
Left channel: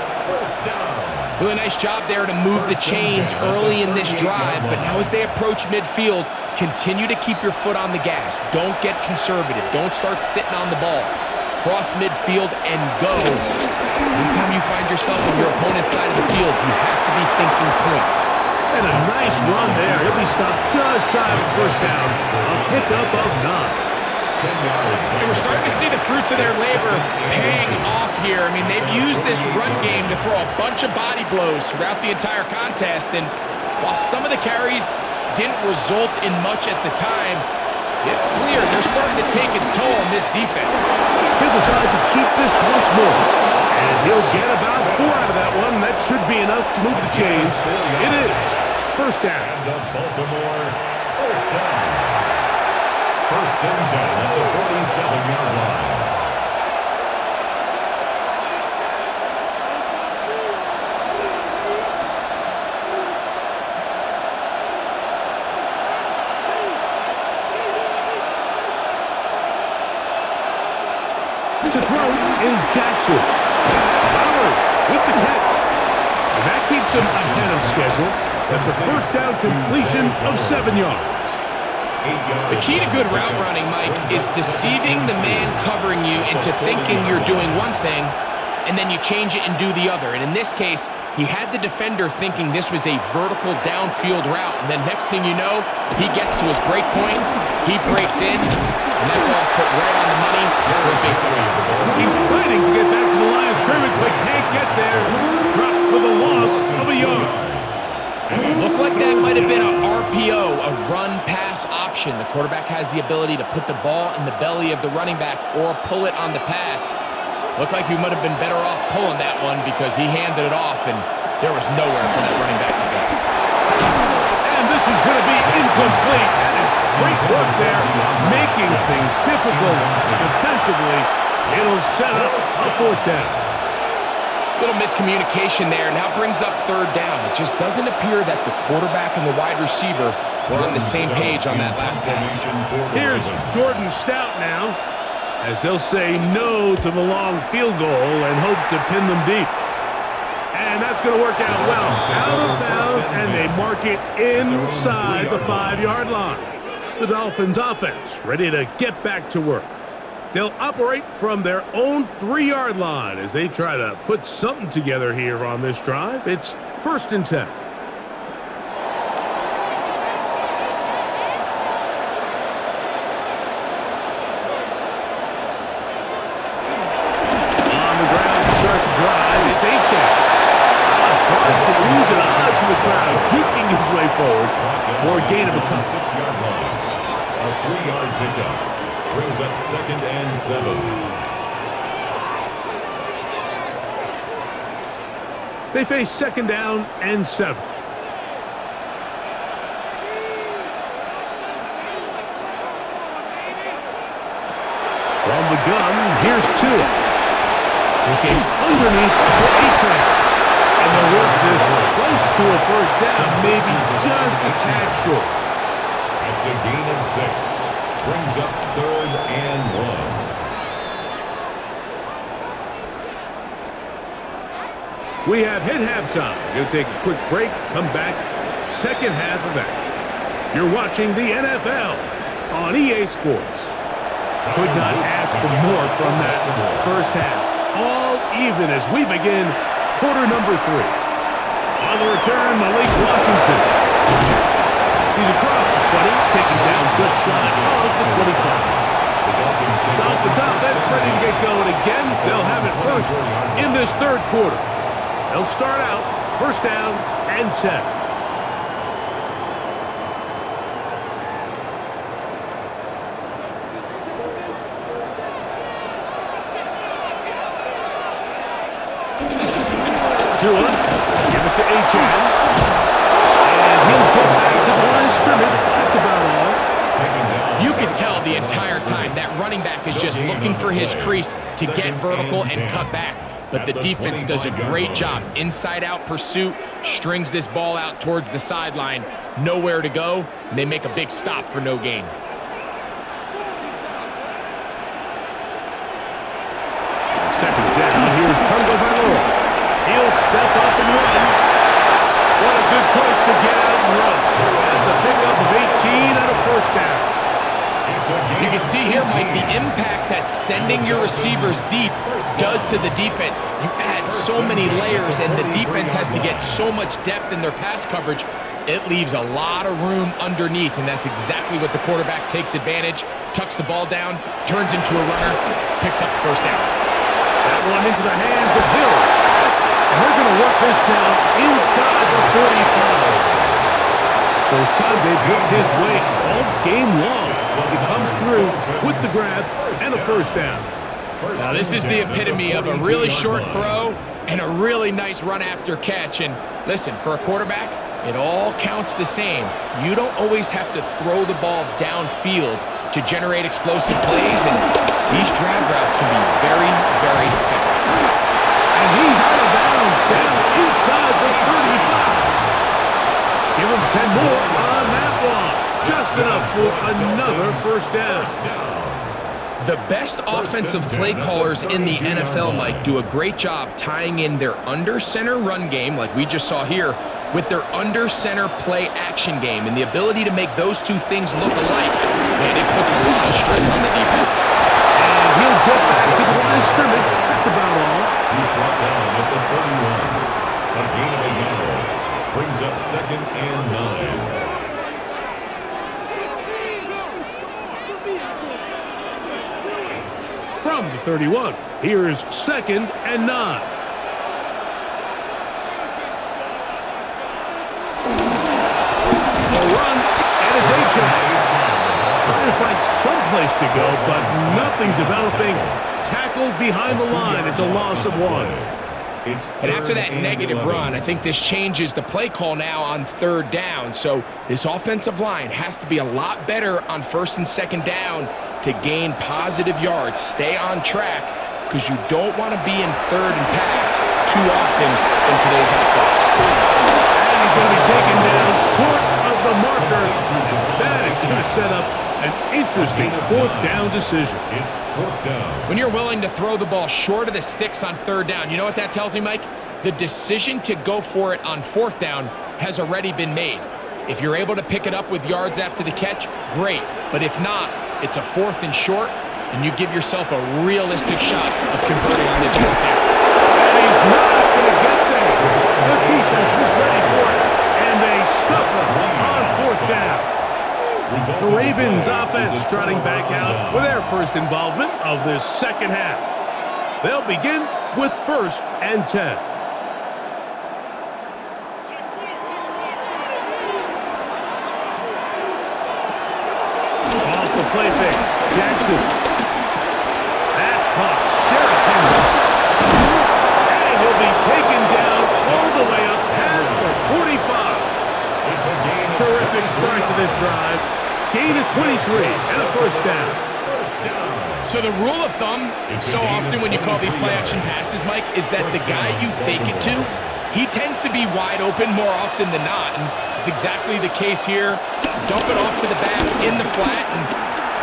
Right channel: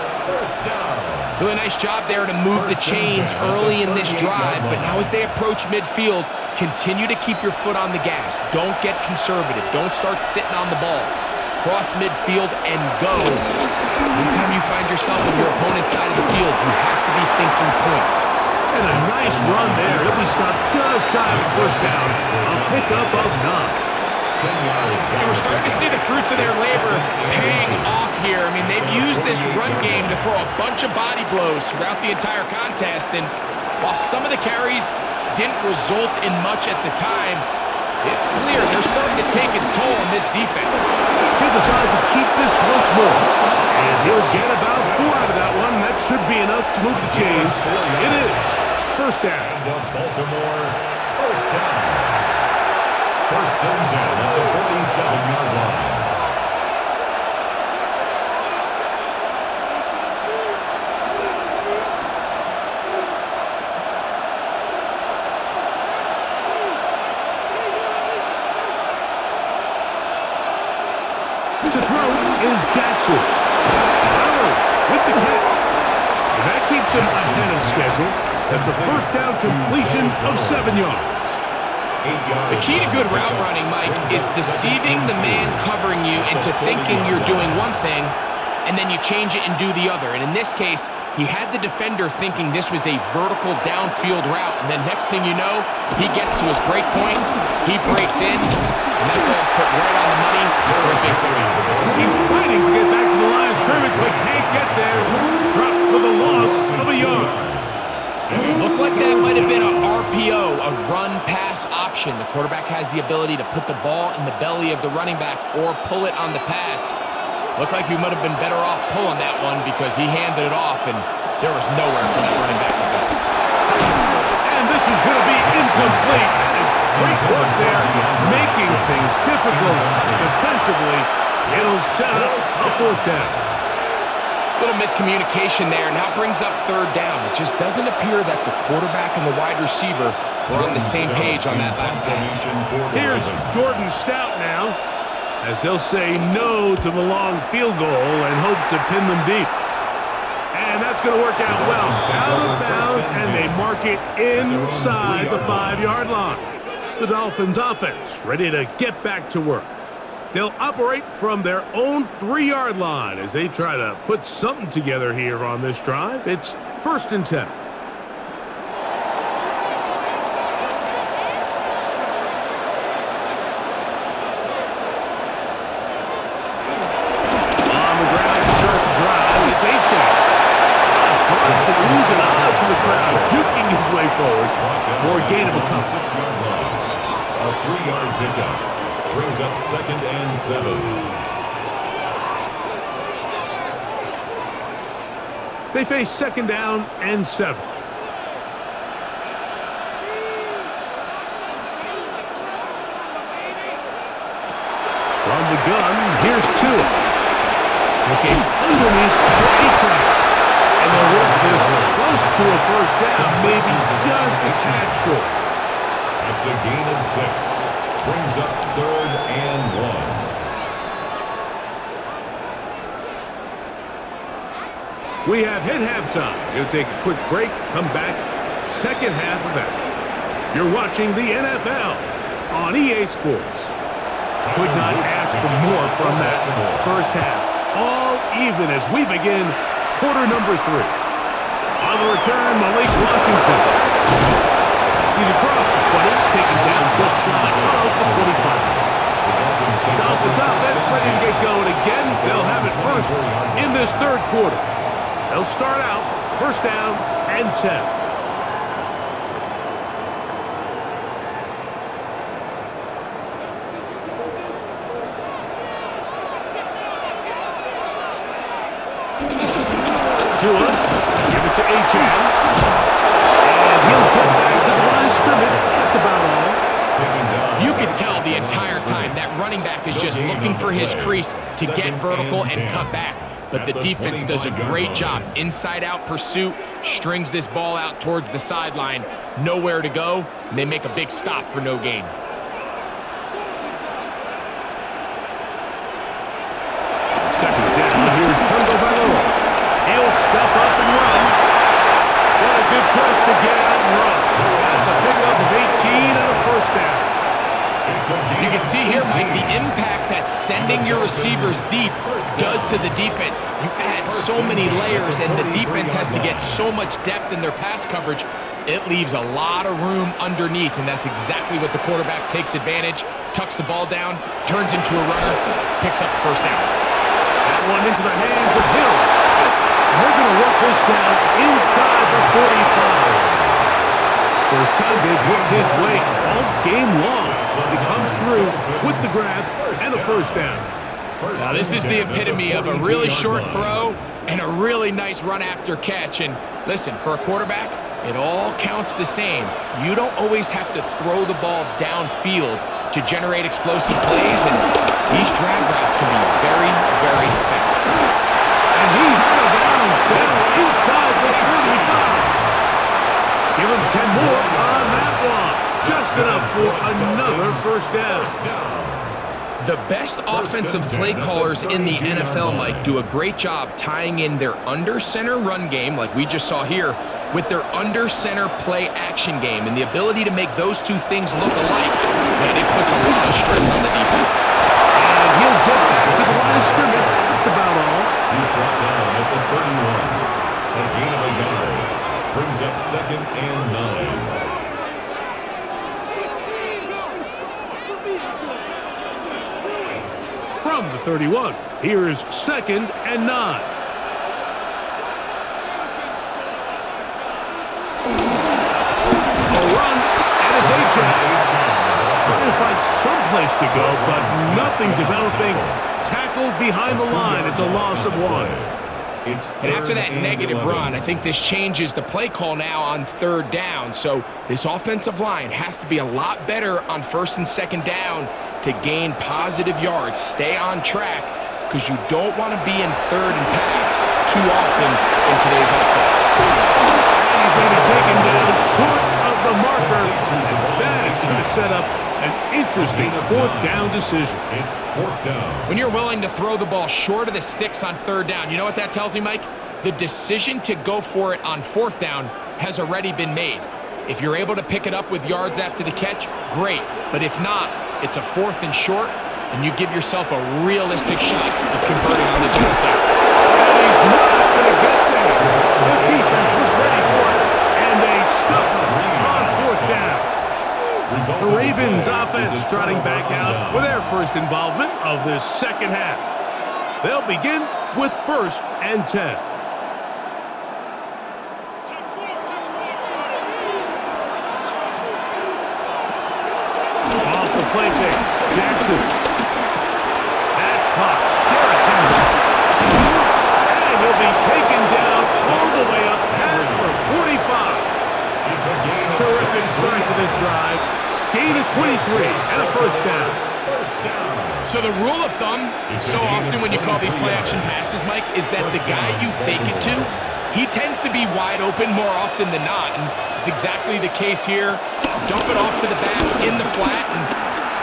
Really nice job there to move the chains early in this drive, but now as they approach midfield, continue to keep your foot on the gas. Don't get conservative. Don't start sitting on the ball. Cross midfield and go. Anytime you find yourself on your opponent's side of the field, you have to be thinking points. And a nice run there. He'll be stopped just shy of a 1st down. A pickup of 9. And we're starting to see the fruits of their labor paying off here. I mean, they've used this run game to throw a bunch of body blows throughout the entire contest. And while some of the carries didn't result in much at the time, it's clear they're starting to take its toll on this defense. He'll decide to keep this once more. And he'll get about 4 out of that one. And that should be enough to move the chains. It is 1st down. And the Baltimore 1st down. 1st and 10 at the 47-yard line. To throw is Jackson. Flowers with the catch. And that keeps him ahead of schedule. That's a 1st down completion of 7 yards. The key to good route running, Mike, is deceiving the man covering you into thinking you're doing one thing, and then you change it and do the other. And in this case, he had the defender thinking this was a vertical downfield route, and then next thing you know, he gets to his break point, he breaks in, and that ball's put right on the money for a big pickup. He's fighting to get back to the line of scrimmage, but can't get there. Dropped for the loss of a yard. Looked like that might have been a RPO, a run-pass option. The quarterback has the ability to put the ball in the belly of the running back or pull it on the pass. Looked like he might have been better off pulling that one because he handed it off, and there was nowhere for that running back to go. And this is going to be incomplete. That is great work there, making things difficult defensively. It'll set up a 4th down. Little miscommunication there, now brings up 3rd down. It just doesn't appear that the quarterback and the wide receiver were on the same page on that last pass. Here's Jordan Stout now, as they'll say no to the long field goal and hope to pin them deep. And that's going to work out well. Out of bounds, and they mark it inside the 5-yard line. The Dolphins offense ready to get back to work. They'll operate from their own 3-yard line as they try to put something together here on this drive. It's 1st and 10. On the ground to start the drive, it's Achane. Drawing some oohs and ahs from the crowd, juking his way forward for a gain of a couple. 6-yard line. A 3-yard pickup brings up 2nd and 7. They face 2nd down and 7. From the gun, here's Tua. Looking underneath for Achane. And they'll work this close to a 1st down, maybe just a tad short. That's a gain of 6. Brings up 3rd and 1. We have hit halftime. Going to take a quick break, come back, second half of action. You're watching the NFL on EA Sports. Could not ask for more from that first half. All even as we begin quarter number 3. On the return, Malik Washington. He's across the 20, taking down just shy of the 25. Dolphins offense ready to get going again. They'll have it first in this 3rd quarter. They'll start out 1st down and 10. Tua, give it to Achane, and he'll get back to the line of scrimmage. That's about all. You can tell the entire time that running back is just looking for his crease to get vertical and cut back. But the defense does a great job. Inside-out pursuit, strings this ball out towards the sideline. Nowhere to go, and they make a big stop for no gain. On 2nd down, here's Tungo Bailoa. He'll step up and run. What a good choice to get out and run. That's a pickup of 18 and a 1st down. You can see here, Mike, the impact that sending your receivers deep does to the defense. You add so many layers, and the defense has to get so much depth in their pass coverage. It leaves a lot of room underneath, and that's exactly what the quarterback takes advantage. Tucks the ball down, turns into a runner, picks up the 1st down. That one into the hands of Hill. And they're going to work this down inside the 45. First time they've worked his way all game long. But he comes through with the grab and a 1st down. Now this is the epitome of a really short throw and a really nice run after catch. And listen, for a quarterback, it all counts the same. You don't always have to throw the ball downfield to generate explosive plays. And these drag routes can be very, very effective. And he's out of bounds, down inside the 35. Give him 10 more on that one. Just enough for another 1st down. The best offensive play callers in the NFL, Mike, do a great job tying in their under-center run game, like we just saw here, with their under-center play action game. And the ability to make those two things look alike, man, it puts a lot of stress on the defense. And he'll get back to the line of scrimmage. That's about all. He's brought down at the 31. A gain of a yard. Brings up 2nd and 9. From the 31, here's 2nd and 9. A run, and it's Achane. Trying to find some place to go, but nothing developing. Tackled behind the line. It's a loss of 1. And after that negative run, I think this changes the play call now on 3rd down. So this offensive line has to be a lot better on 1st and 2nd down to gain positive yards. Stay on track, because you don't want to be in 3rd and pass too often in today's NFL. And he's going to be taken down short of the marker. And that is going to set up an interesting 4th down decision. It's 4th down. When you're willing to throw the ball short of the sticks on 3rd down, you know what that tells me, Mike? The decision to go for it on 4th down has already been made. If you're able to pick it up with yards after the catch, great. But if not, it's a 4th and short. and you give yourself a realistic shot of converting on this fourth down. And he's not going to get there. The defense was ready for it, and they stuff him on fourth down. The Ravens offense trotting back out for their first involvement of this second half. They'll begin with 1st and 10. Off the play fake, Jackson. That's caught. Derrick Henry. And he'll be taken down all the way up past the 45. It's a gain of Terrific start to this drive. Gain of 23 and a first down. First down. So the rule of thumb, so often when you call these play-action passes, Mike, is that the guy you fake it to, he tends to be wide open more often than not, and it's exactly the case here. Dump it off to the back in the flat, and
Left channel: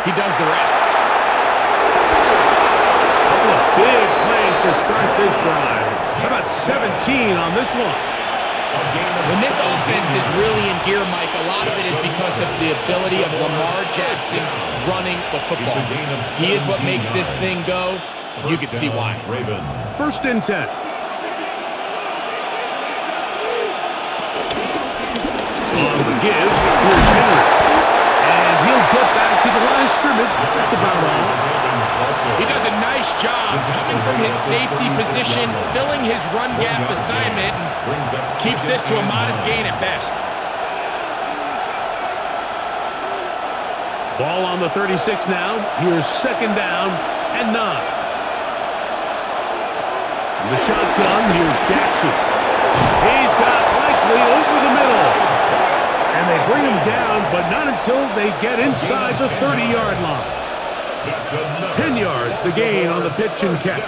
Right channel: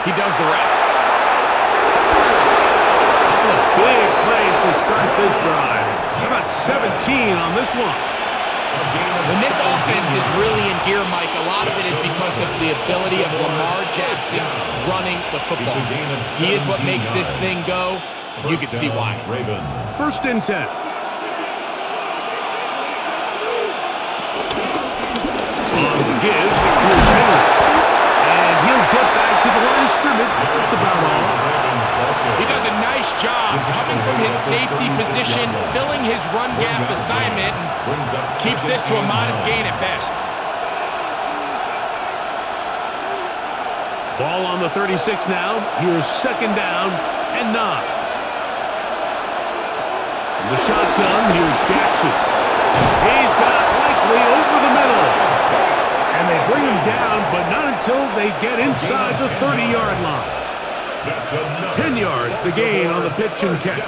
he does the rest. A couple of big plays to start this drive. How about 17 on this one? When this offense is really in gear, Mike, a lot of it is because of the ability of Lamar Jackson running the football. He is what makes this thing go, and you can see why. 1st and 10. On the give, here's Henry. And he'll get back to the line of scrimmage. That's about all. He does a nice job coming from his safety position, filling his run gap assignment, and keeps this to a modest gain at best. Ball on the 36 now. Here's 2nd down and 9. From the shotgun, here's Jackson. He's got Likely over the middle. And they bring him down, but not until they get inside the 30-yard line. 10 yards, the gain on the pitch and catch.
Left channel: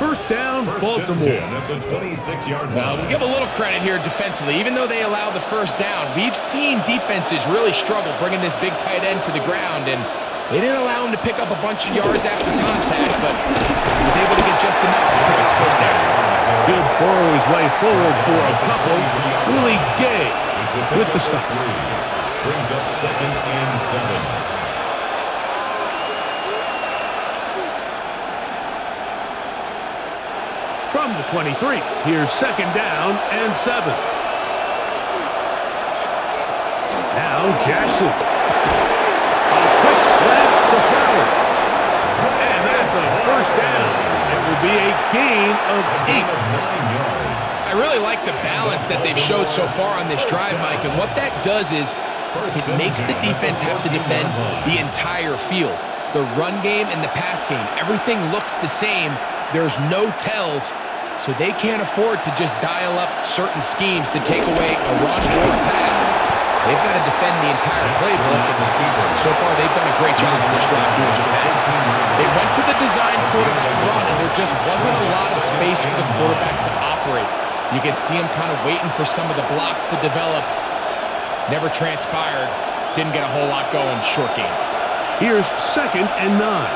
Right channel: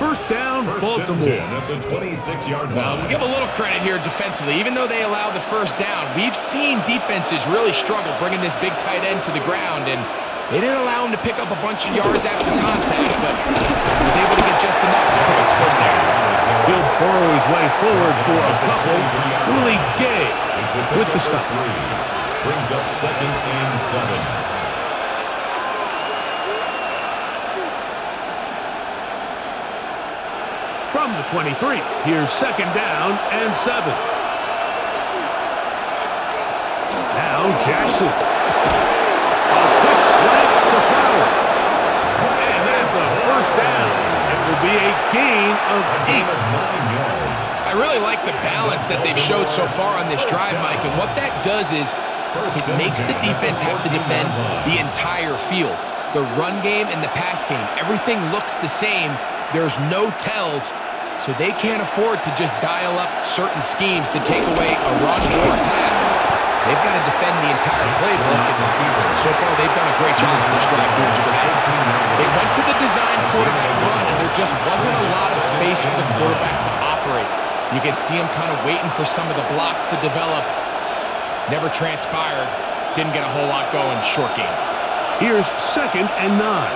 1st down, Baltimore. At the 26-yard line. Well, we'll give a little credit here defensively. Even though they allowed the 1st down, we've seen defenses really struggle bringing this big tight end to the ground, and they didn't allow him to pick up a bunch of yards after contact, but he was able to get just enough to pick up the 1st down. He'll burrow his way forward for a couple. Willie Gay with the stop. Brings up 2nd and 7. From the 23, here's 2nd down and 7. Now Jackson. A quick slant to Flowers. And that's a 1st down. It will be a gain of 8. 9 yards. I really like the balance that they've showed so far on this drive, Mike, and what that does is it makes the defense have to defend the entire field. The run game and the pass game, everything looks the same. There's no tells, so they can't afford to just dial up certain schemes to take away a run or a pass. They've got to defend the entire playbook, and so far they've done a great job on this drive doing just that. They went to the design quarterback run, and there just wasn't a lot of space for the quarterback to operate. You can see him kind of waiting for some of the blocks to develop. Never transpired. Didn't get a whole lot going. Short game. Here's 2nd and 9.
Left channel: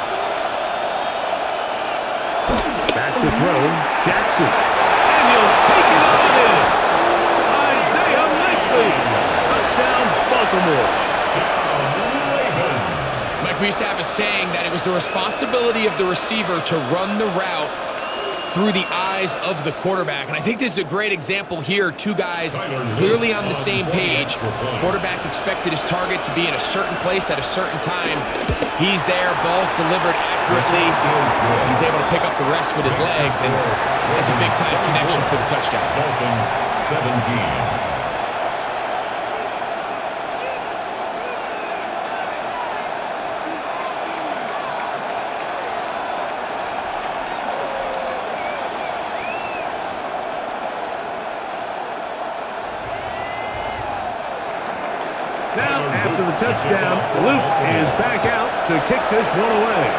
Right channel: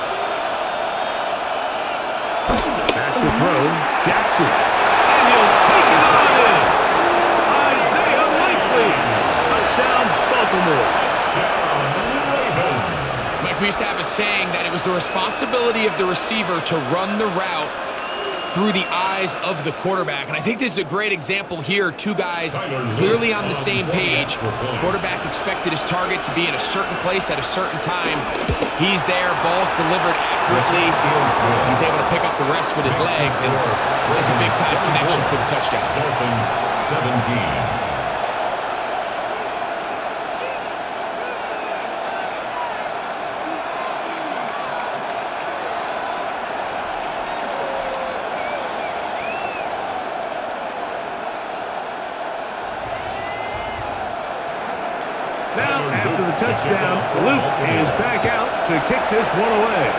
Back to throw, Jackson. And he'll take it on in. Isaiah Likely. Touchdown, Baltimore. Touchdown, Ravens. Mike, we used to have a saying that it was the responsibility of the receiver to run the route through the eyes of the quarterback. And I think this is a great example here. Two guys clearly on the same page. Quarterback expected his target to be in a certain place at a certain time. He's there, ball's delivered accurately. He's able to pick up the rest with his legs, and that's a big-time connection for the touchdown. Dolphins 17. Now, after the touchdown, Luke is back out to kick this one away.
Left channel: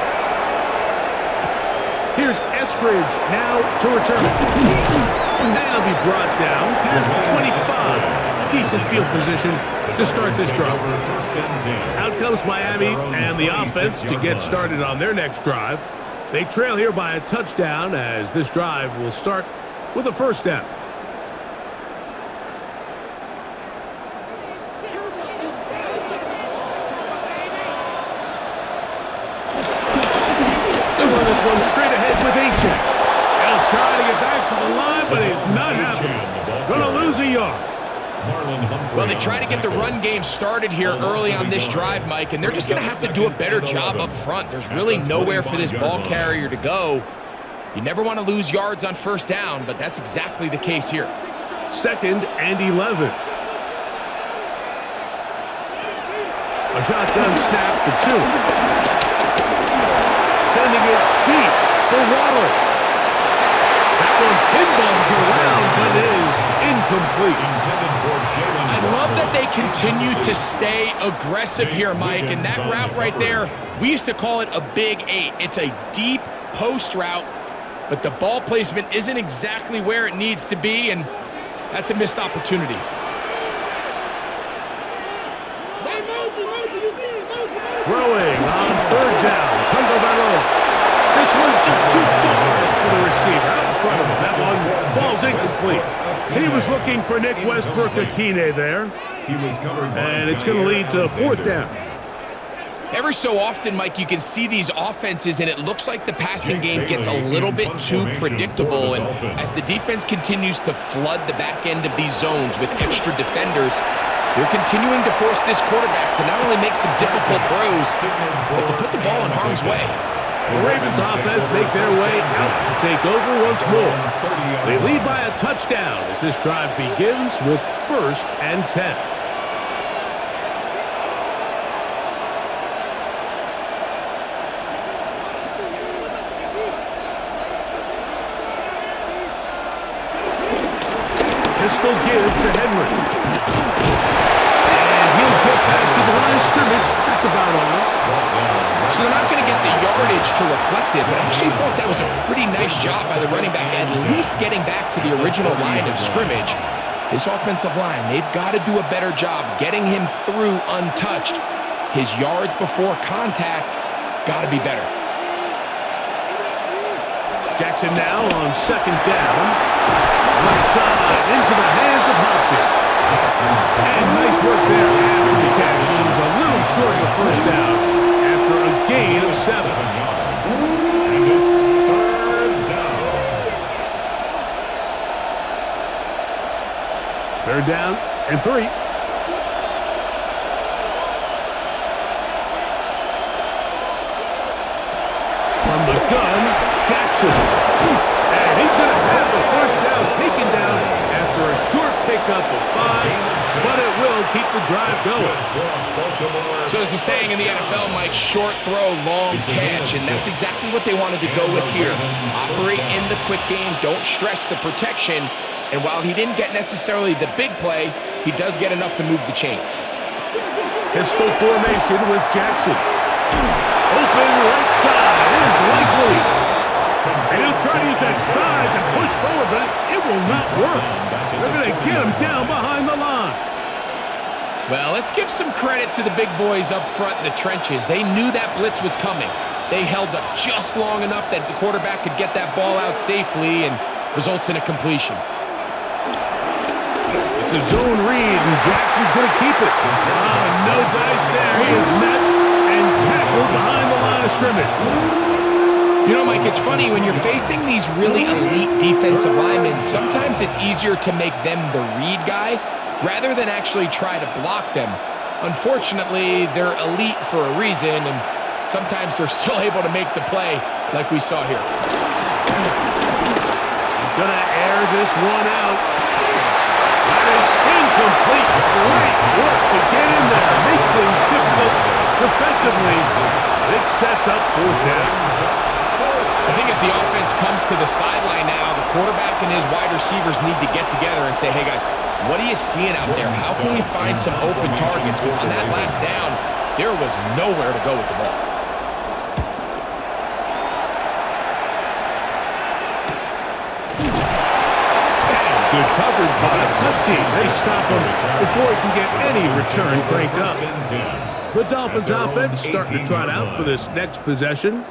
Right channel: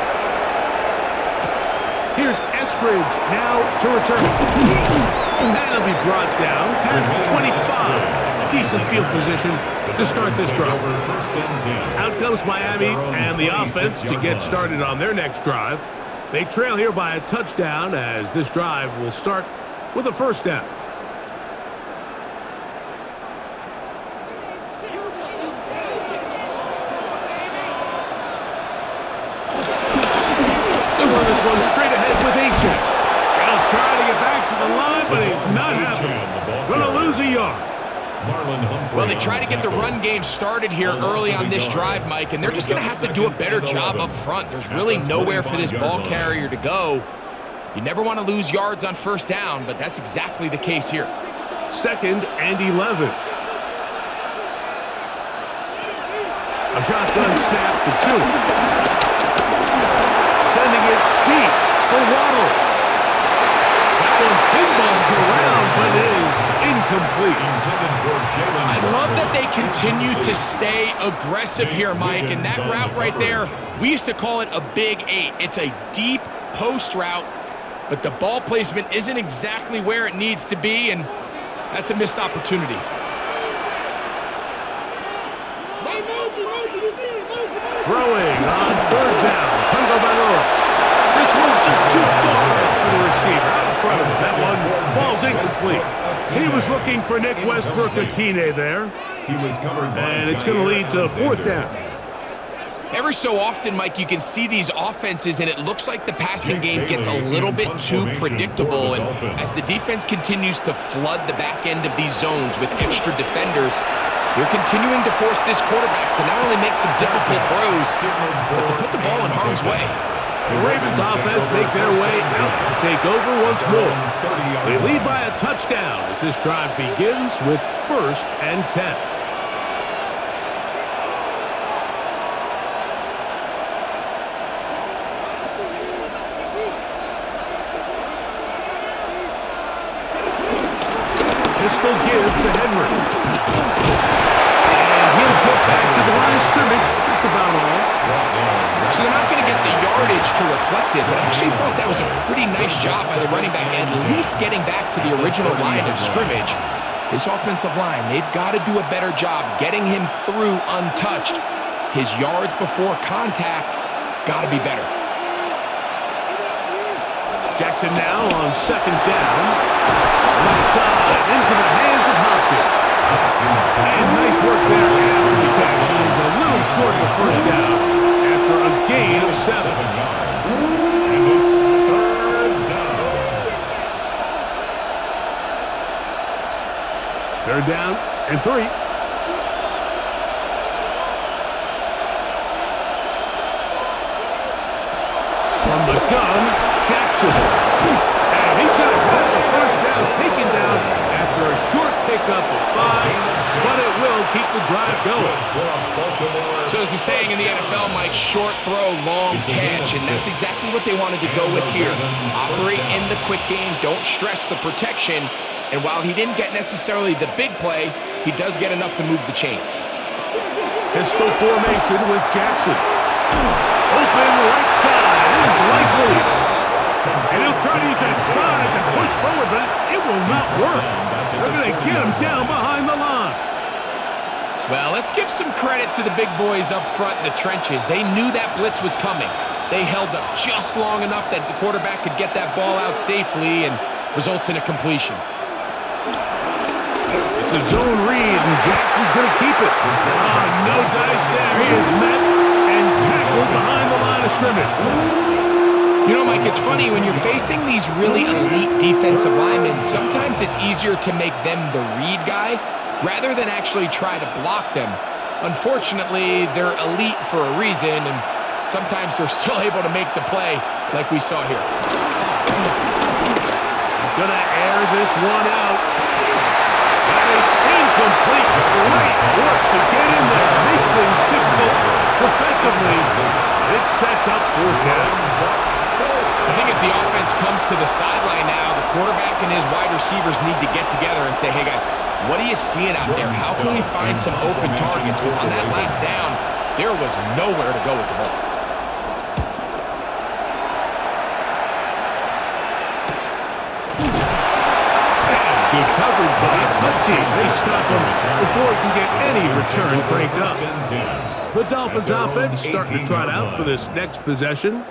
Here's Eskridge now to return it. And it'll be brought down past the 25. Decent field position to start this drive. Out comes Miami and the offense to get started on their next drive. They trail here by a touchdown as this drive will start with a 1st down. this one straight ahead with H.J. He'll try to get back to the line, but it's not happening. Going to lose a yard. Well, they try to get the run game started here early on this drive, Mike, and they're just going to have to do a better job up front. There's really nowhere for this ball carrier to go. You never want to lose yards on first down, but that's exactly the case here. 2nd and 11. A shotgun snap for 2. Sending it deep for Waddle. That one pinballs around, but it is incomplete. I love that they continue to stay aggressive here, Mike, and that route right there, we used to call it a big 8. It's a deep post route, but the ball placement isn't exactly where it needs to be, and that's a missed opportunity. Throwing on 3rd down, Tungo Bailoa. This one just too far for the receiver, out in front of him. That one falls incomplete. He was looking for Nick Westbrook-Akine there. And it's going to lead to 4th down. Every so often, Mike, you can see these offenses, and it looks like the passing game gets a little bit too predictable. And as the defense continues to flood the back end of these zones with extra defenders, they're continuing to force this quarterback to not only make some difficult throws, but to put the ball in harm's way. The Ravens offense make their way out to take over once more. They lead by a touchdown as this drive begins with 1st and 10. Pistol give to Henry. And he'll get back to the line of scrimmage. That's about all. So they're not going to get the yardage to reflect it, but I actually thought that was a pretty nice job by the running back, at least getting back to the original line of scrimmage. This offensive line, they've got to do a better job getting him through untouched. His yards before contact got to be better. Jackson now on 2nd down. Left side into the hands of Hopkins. And nice work there after the catch. He's a little short of the 1st down after a gain of 7. And it's 3rd down. 3rd down and 3. From the gun, Jackson. And he's going to have the 1st down taken down after a short pickup of 5, but it will keep the drive going. So there's a saying in the NFL, Mike, short throw, long catch, and that's exactly what they wanted to go with here. Operate in the quick game, don't stress the protection, and while he didn't get necessarily the big play, he does get enough to move the chains. Pistol formation with Jackson. Open right side is likely. And he'll try to use that size and push forward, but it will not work. They're going to get him down behind the line. Well, let's give some credit to the big boys up front in the trenches. They knew that blitz was coming. They held up just long enough that the quarterback could get that ball out safely and results in a completion. It's a zone read, and Jackson's going to keep it. No dice there. He is met and tackled behind the line of scrimmage. You know, Mike, it's funny, when you're facing these really elite defensive linemen, sometimes it's easier to make them the read guy rather than actually try to block them. Unfortunately, they're elite for a reason, and sometimes they're still able to make the play like we saw here. He's going to air this one out. That is incomplete. Great work to get in there, make things difficult defensively. It sets up 4th down. I think as the offense comes to the sideline now, the quarterback and his wide receivers need to get together and say, hey guys, what are you seeing out there? How can we find some open targets? Because on that last down, there was nowhere to go with the ball. And good coverage by the punt team. They stop him before he can get any return cranked up. The Dolphins offense starting to trot out for this next possession.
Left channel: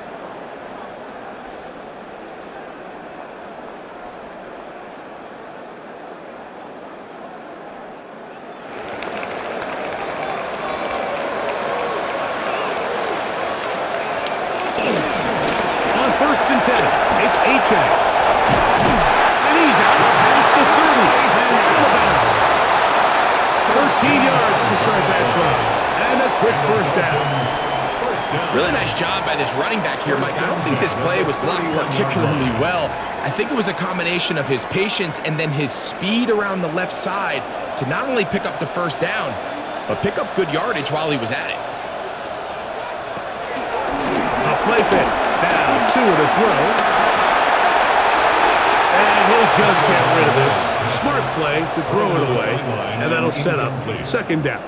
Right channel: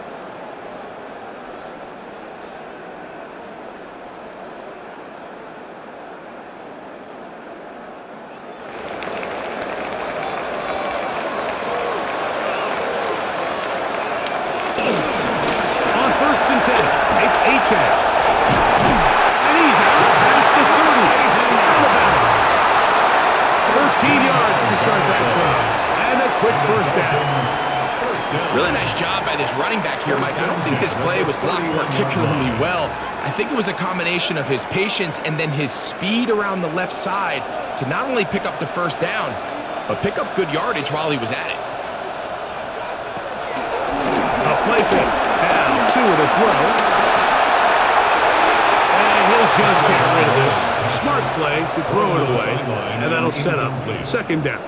first and 10. It's Achane. And he's out past the 30 and out of bounds. 13 yards to start that drive. And a quick first down. Really nice job by this running back here, Mike. I don't think this play was blocked particularly well. I think it was a combination of his patience and then his speed around the left side to not only pick up the first down, but pick up good yardage while he was at it. A play fake. Now, 2 to throw. And he'll just get rid of this. Smart play to throw it away. And that'll set up second down.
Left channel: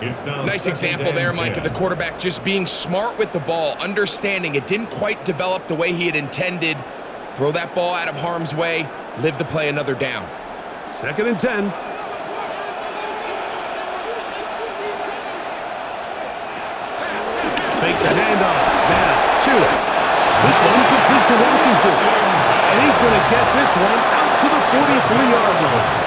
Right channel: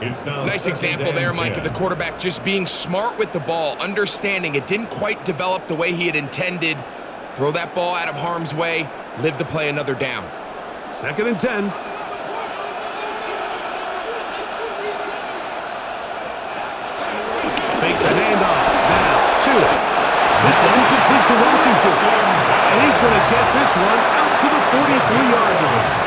Nice example there, Mike, of the quarterback just being smart with the ball, understanding it didn't quite develop the way he had intended. Throw that ball out of harm's way, live to play another down. Second and 10. Fake the handoff. Now, Tua. This one complete to Washington. And he's going to get this one out to the 43-yard line.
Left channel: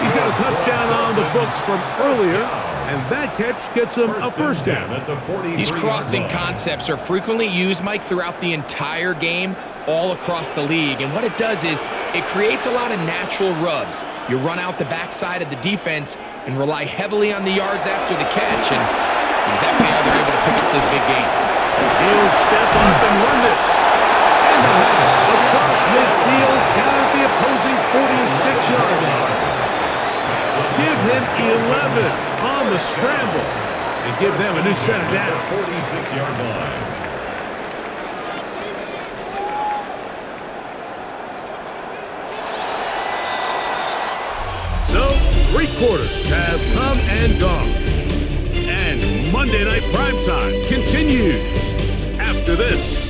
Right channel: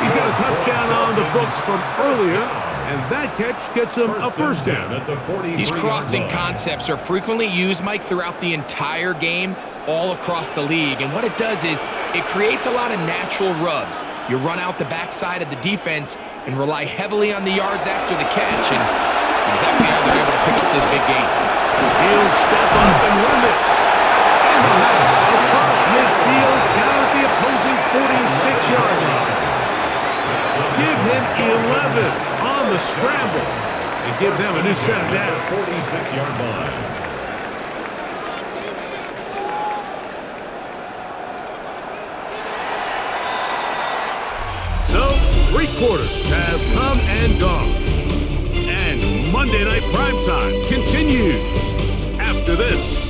He's got a touchdown on the books from earlier, and that catch gets him a first down. These crossing concepts are frequently used, Mike, throughout the entire game, all across the league. And what it does is it creates a lot of natural rubs. You run out the backside of the defense and rely heavily on the yards after the catch, and it's exactly how they're able to pick up this big game. He'll step up and run this. And they'll have it across midfield down at the opposing 46-yard line. Give him 11 on the scramble and give them a new set of downs. 46-yard line. So, 3 quarters have come and gone. And Monday Night Primetime continues after this.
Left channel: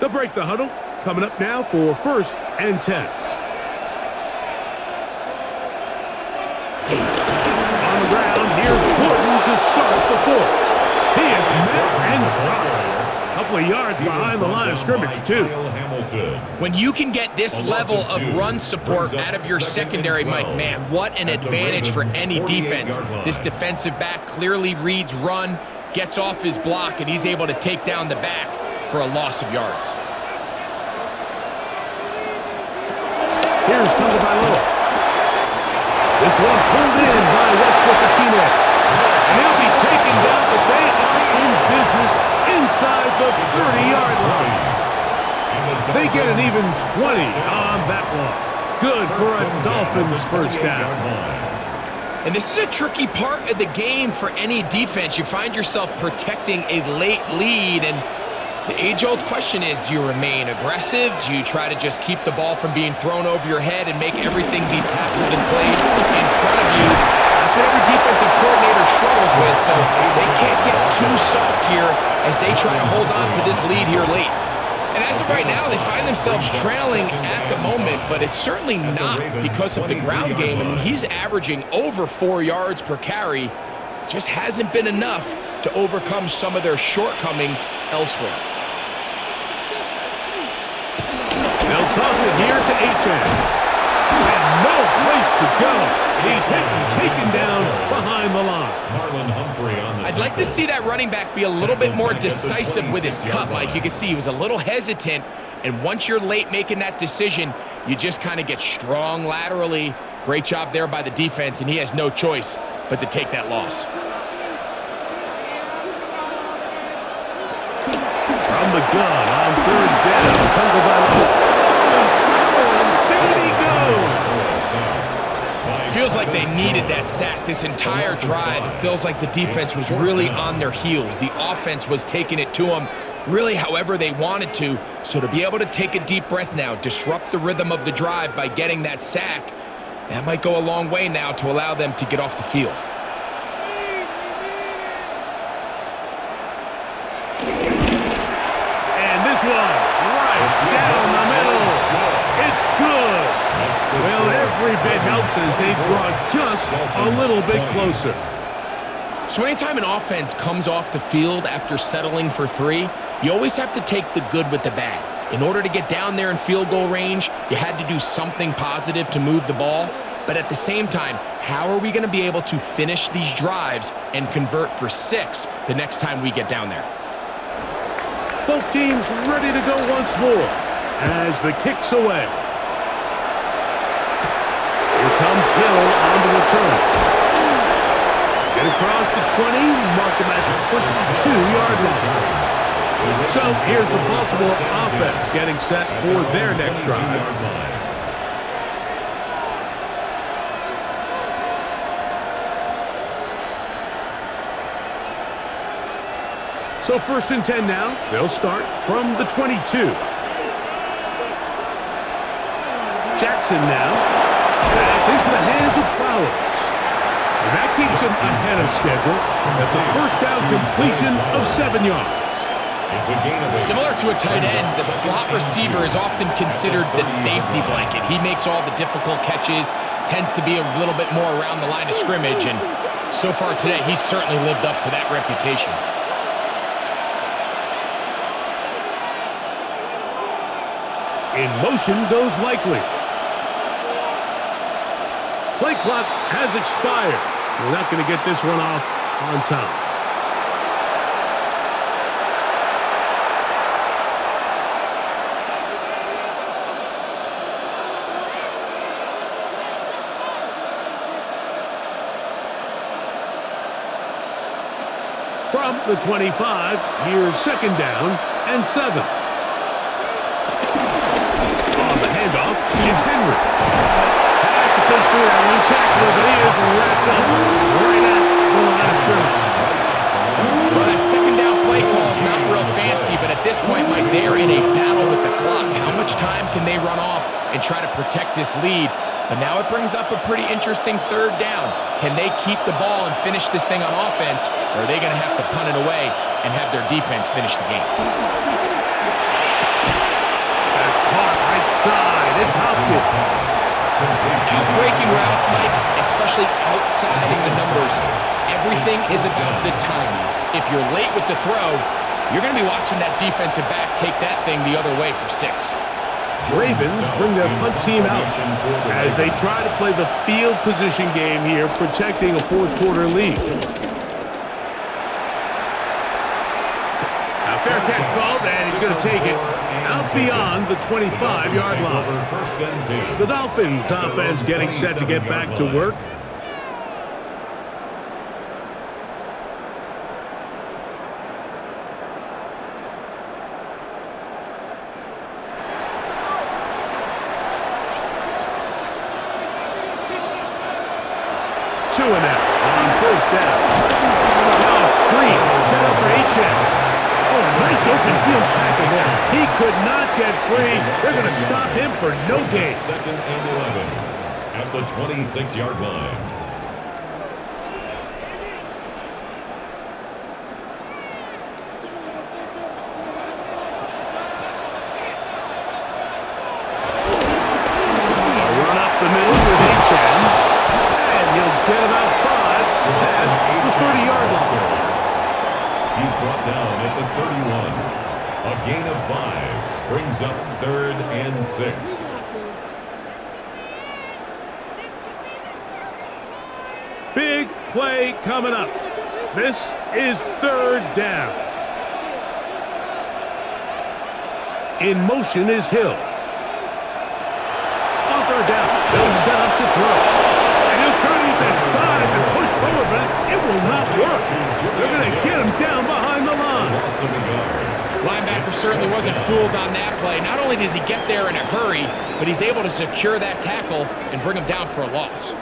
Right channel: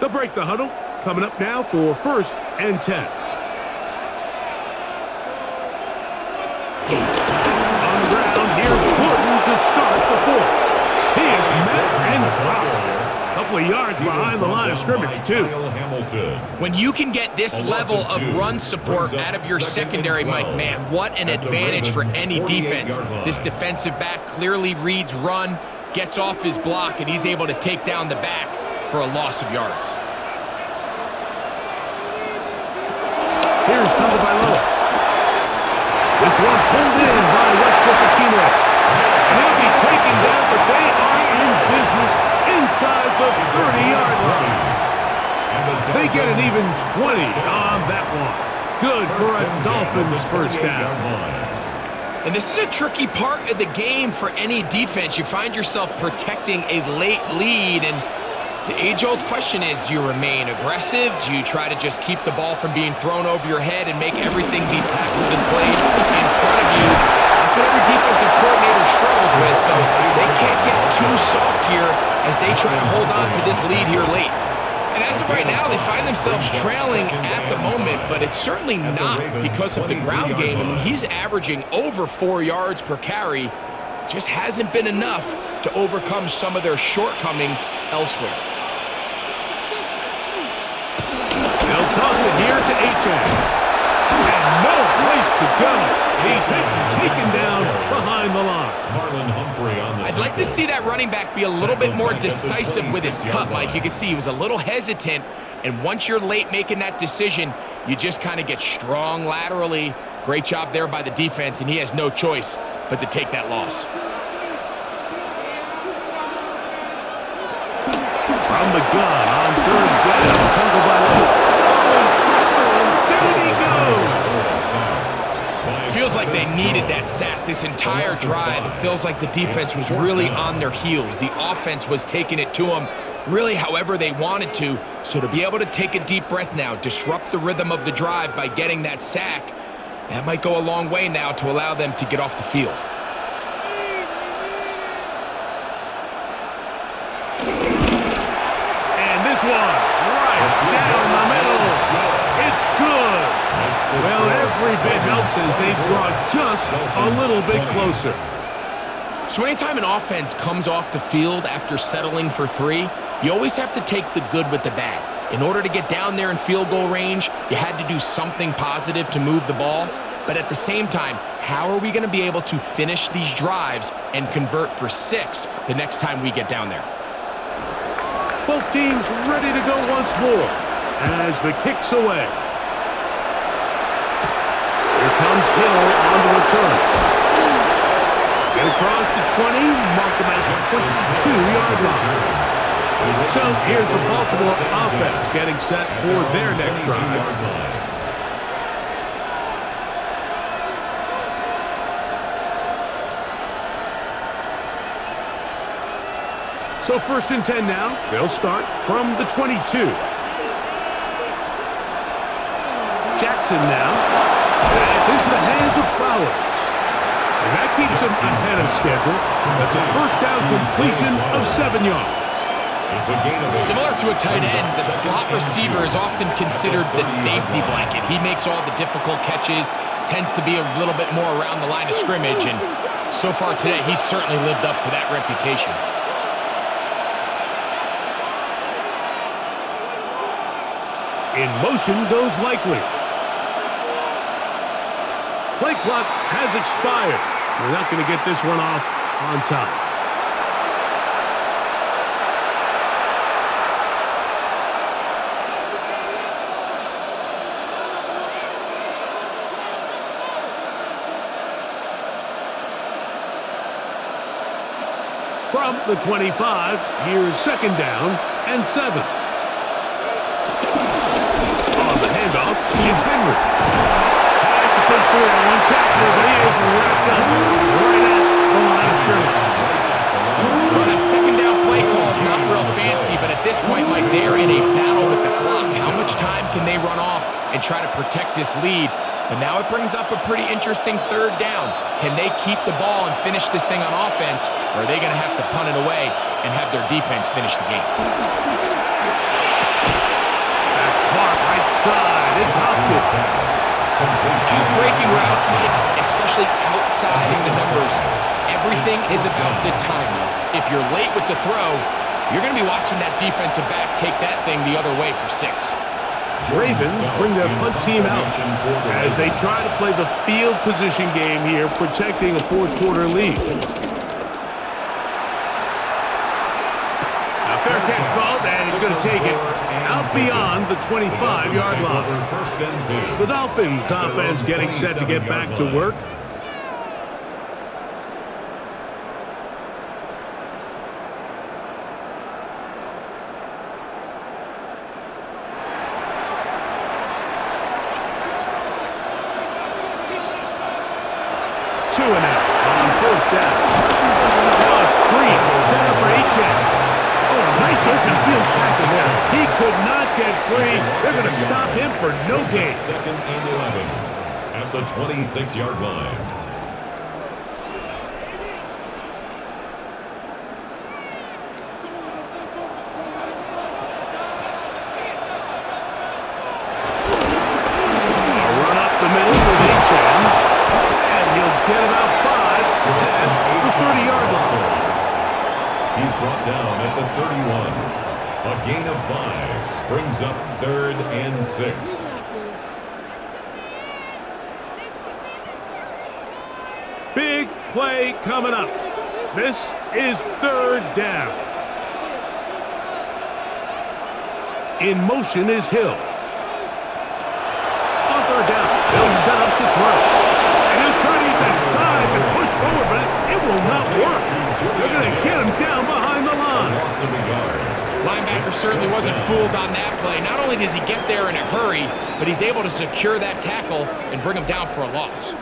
They'll break the huddle. Coming up now for first and 10. On the ground, here's Gordon to start the 4th. He is met and dropped. A couple of yards behind the line of scrimmage, too. When you can get this level of run support out of your secondary, Mike, man, what an advantage for any defense. This defensive back clearly reads run, gets off his block, and he's able to take down the back for a loss of yards. Here's Tagovailoa. This one pulled in by Westbrook-Ikhine. And he'll be taken down, but they are in business inside the 30-yard line. They get an even 20 on that one. Good for a Dolphins first down. And this is a tricky part of the game for any defense. You find yourself protecting a late lead, and the age-old question is, do you remain aggressive? Do you try to just keep the ball from being thrown over your head and make everything be tackled and played in front of you? That's what every defensive coordinator struggles with, so they can't get too soft here as they try to hold on to this lead here late. And as of right now, they find themselves trailing at the moment, but it's certainly not because of the ground game. I mean, he's averaging over 4 yards per carry. Just hasn't been enough to overcome some of their shortcomings elsewhere. They'll toss it here to Achane. And no place to go. He's hit and taken down behind the line. I'd like to see that running back be a little bit more decisive with his cut, Mike. You can see he was a little hesitant, and once you're late making that decision, you just kind of get strong laterally. Great job there by the defense, and he has no choice but to take that loss. From the gun on 3rd down, Tagovailoa. Oh, in trouble, and down he goes. Feels like they needed that sack this entire drive. It feels like the defense was really on their heels. The offense was taking it to them really however they wanted to. So to be able to take a deep breath now, disrupt the rhythm of the drive by getting that sack, that might go a long way now to allow them to get off the field. Here's one, right down the middle. It's good. Well, every bit helps as they draw just a little bit closer. So anytime an offense comes off the field after settling for 3, you always have to take the good with the bad. In order to get down there in field goal range, you had to do something positive to move the ball. But at the same time, how are we going to be able to finish these drives and convert for 6 the next time we get down there? Both teams ready to go once more as the kick's away. Here comes Hill on the return. Get across the 20, mark him at the 22-yard line. So here's the Baltimore offense getting set for their next drive. So 1st and 10 now. They'll start from the 22. Jackson now. That's into the hands of Flowers. And that keeps him ahead of schedule. That's a first down completion of 7 yards. Similar to a tight end, the slot receiver is often considered the safety blanket. He makes all the difficult catches, tends to be a little bit more around the line of scrimmage, and so far today, he's certainly lived up to that reputation. In motion goes Likely. Play clock has expired. We're not going to get this one off on time. From the 25, here's 2nd down and 7. On the handoff, it's Henry. Had to push through that one tackler, but he is wrapped up right at the line of scrimmage. Well, that 2nd down play call is not real fancy, but at this point, Mike, they're in a battle with the clock. How much time can they run off and try to protect this lead? But now it brings up a pretty interesting 3rd down. Can they keep the ball and finish this thing on offense, or are they going to have to punt it away and have their defense finish the game? That's caught right side. It's Hopkins. Outbreaking routes, Mike, especially outside of the numbers, everything is about the timing. If you're late with the throw, you're going to be watching that defensive back take that thing the other way for 6. Ravens bring their punt team out as they try to play the field position game here, protecting a 4th quarter lead. Now fair catch called, and he's going to take it out beyond the 25-yard line. The Dolphins offense getting set to get back to work. Two and out on 1st down. Now a screen set up for Achane. Oh, nice open field tackle there. He could not get free. They're going to stop him for no gain. 2nd and 11 at the 26-yard line. A run up the middle with Achane. He'll get about 5 past the 30-yard line. He's brought down at the 31. A gain of 5 brings up 3rd and 6. Big play coming up. This is 3rd down. In motion is Hill. On 3rd down, they'll set up to throw. And he'll try to use that size and push forward, but it will not work. They're going to get him down behind the line. Linebacker certainly wasn't fooled on that play. Not only does he get there in a hurry, but he's able to secure that tackle and bring him down for a loss.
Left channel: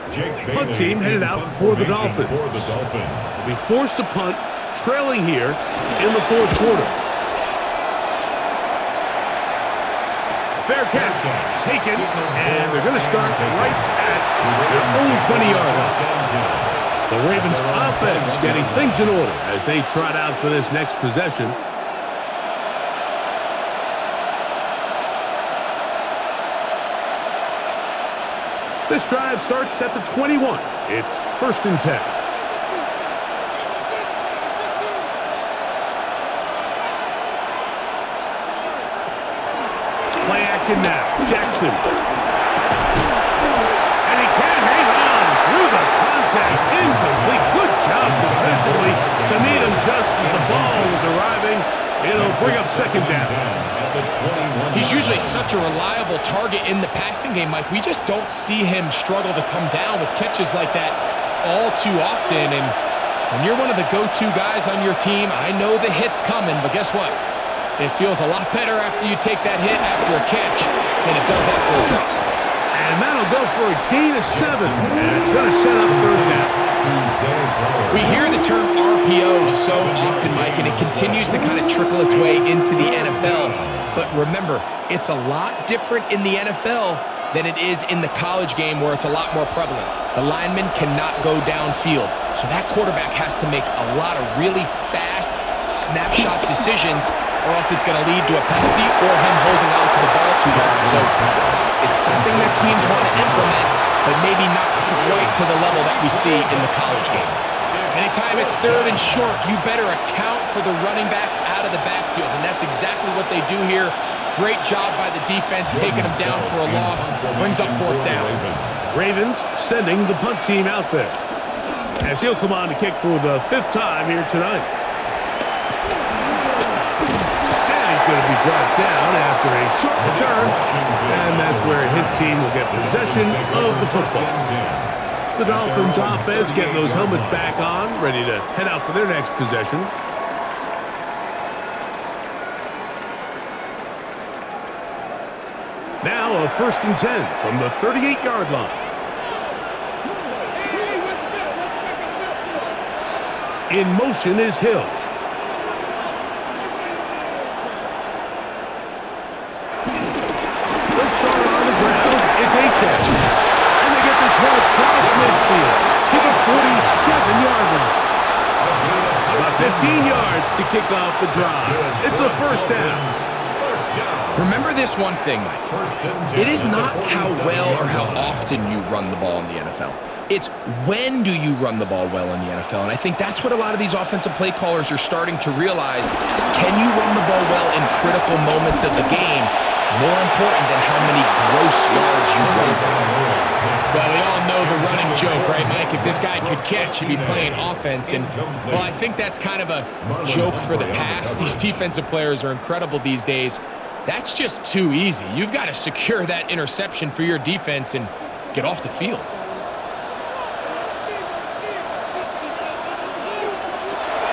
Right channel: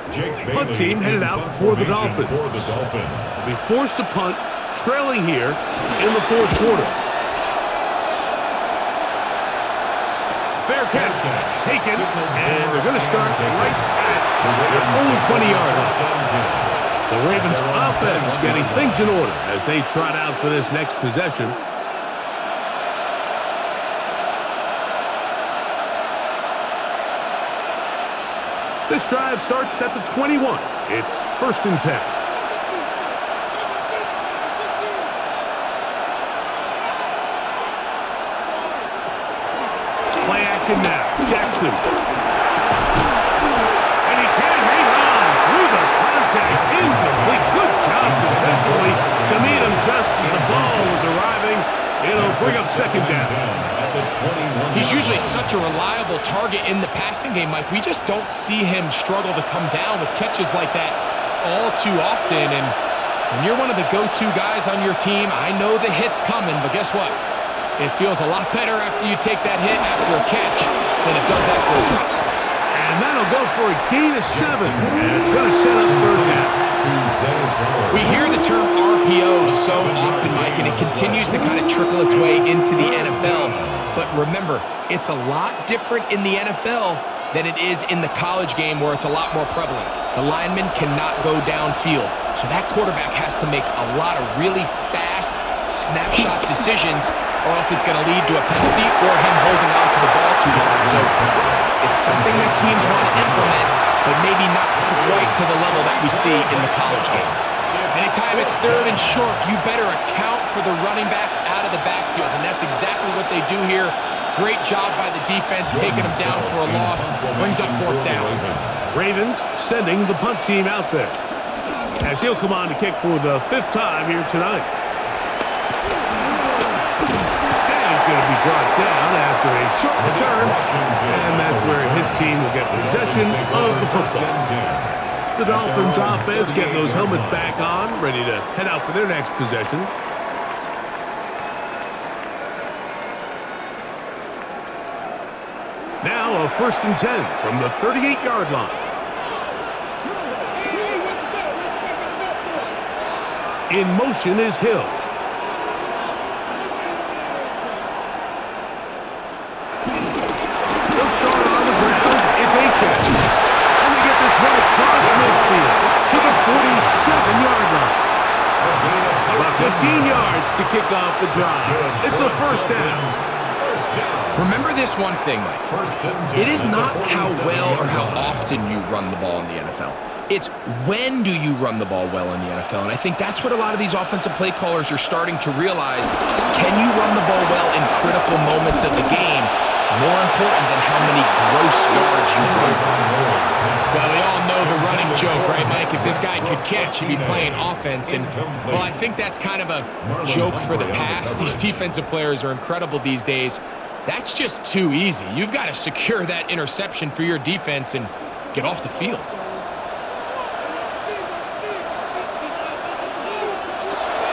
Punt team headed out for the Dolphins. They'll be forced to punt, trailing here in the 4th quarter. Fair catch taken, and they're going to start right at their own 20-yard line. The Ravens offense getting things in order as they trot out for this next possession. This drive starts at the 21. It's 1st and 10. Play action now. Jackson. And he can't hang on through the contact. Incomplete. Good job defensively to meet him just as the ball was arriving. It'll bring up 2nd down. He's usually such a reliable target in the passing game, Mike. We just don't see him struggle to come down with catches like that all too often. And when you're one of the go-to guys on your team, I know the hit's coming, but guess what? It feels a lot better after you take that hit after a catch than it does after a drop. And that'll go for a gain of 7, and it's going to set up 3rd down. We hear the term RPO so often, Mike, and it continues to kind of trickle its way into the NFL. But remember, it's a lot different in the NFL than it is in the college game where it's a lot more prevalent. The lineman cannot go downfield, so that quarterback has to make a lot of really fast snapshot decisions, or else it's going to lead to a penalty or him holding on to the ball too long. So it's something that teams want to implement, but maybe not quite to the level that we see in the college game. Anytime it's 3rd and short, you better account for the running back out of the backfield, and that's exactly what they do here. Great job by the defense, taking him down for a loss. Brings up 4th down. Ravens sending the punt team out there, as he'll come on to kick for the 5th time here tonight. Going to be brought down after a short return, and that's where his team will get possession of the football. The Dolphins offense getting those helmets back on, ready to head out for their next possession. Now a 1st and 10 from the 38-yard line. In motion is Hill. They'll start on the ground. It's Achane. And they get this one across midfield to the 47-yard line. About 15 yards to kick off the drive. It's a 1st down. Remember this one thing, Mike. It is not how well or how often you run the ball in the NFL. It's when do you run the ball well in the NFL. And I think that's what a lot of these offensive play callers are starting to realize. Can you run the ball well in critical moments of the game? More important than how many gross yards you run for. Well, we all know the running joke, right, Mike? If this guy could catch, he'd be playing offense. And, well, I think that's kind of a joke for the past. These defensive players are incredible these days. That's just too easy. You've got to secure that interception for your defense and get off the field.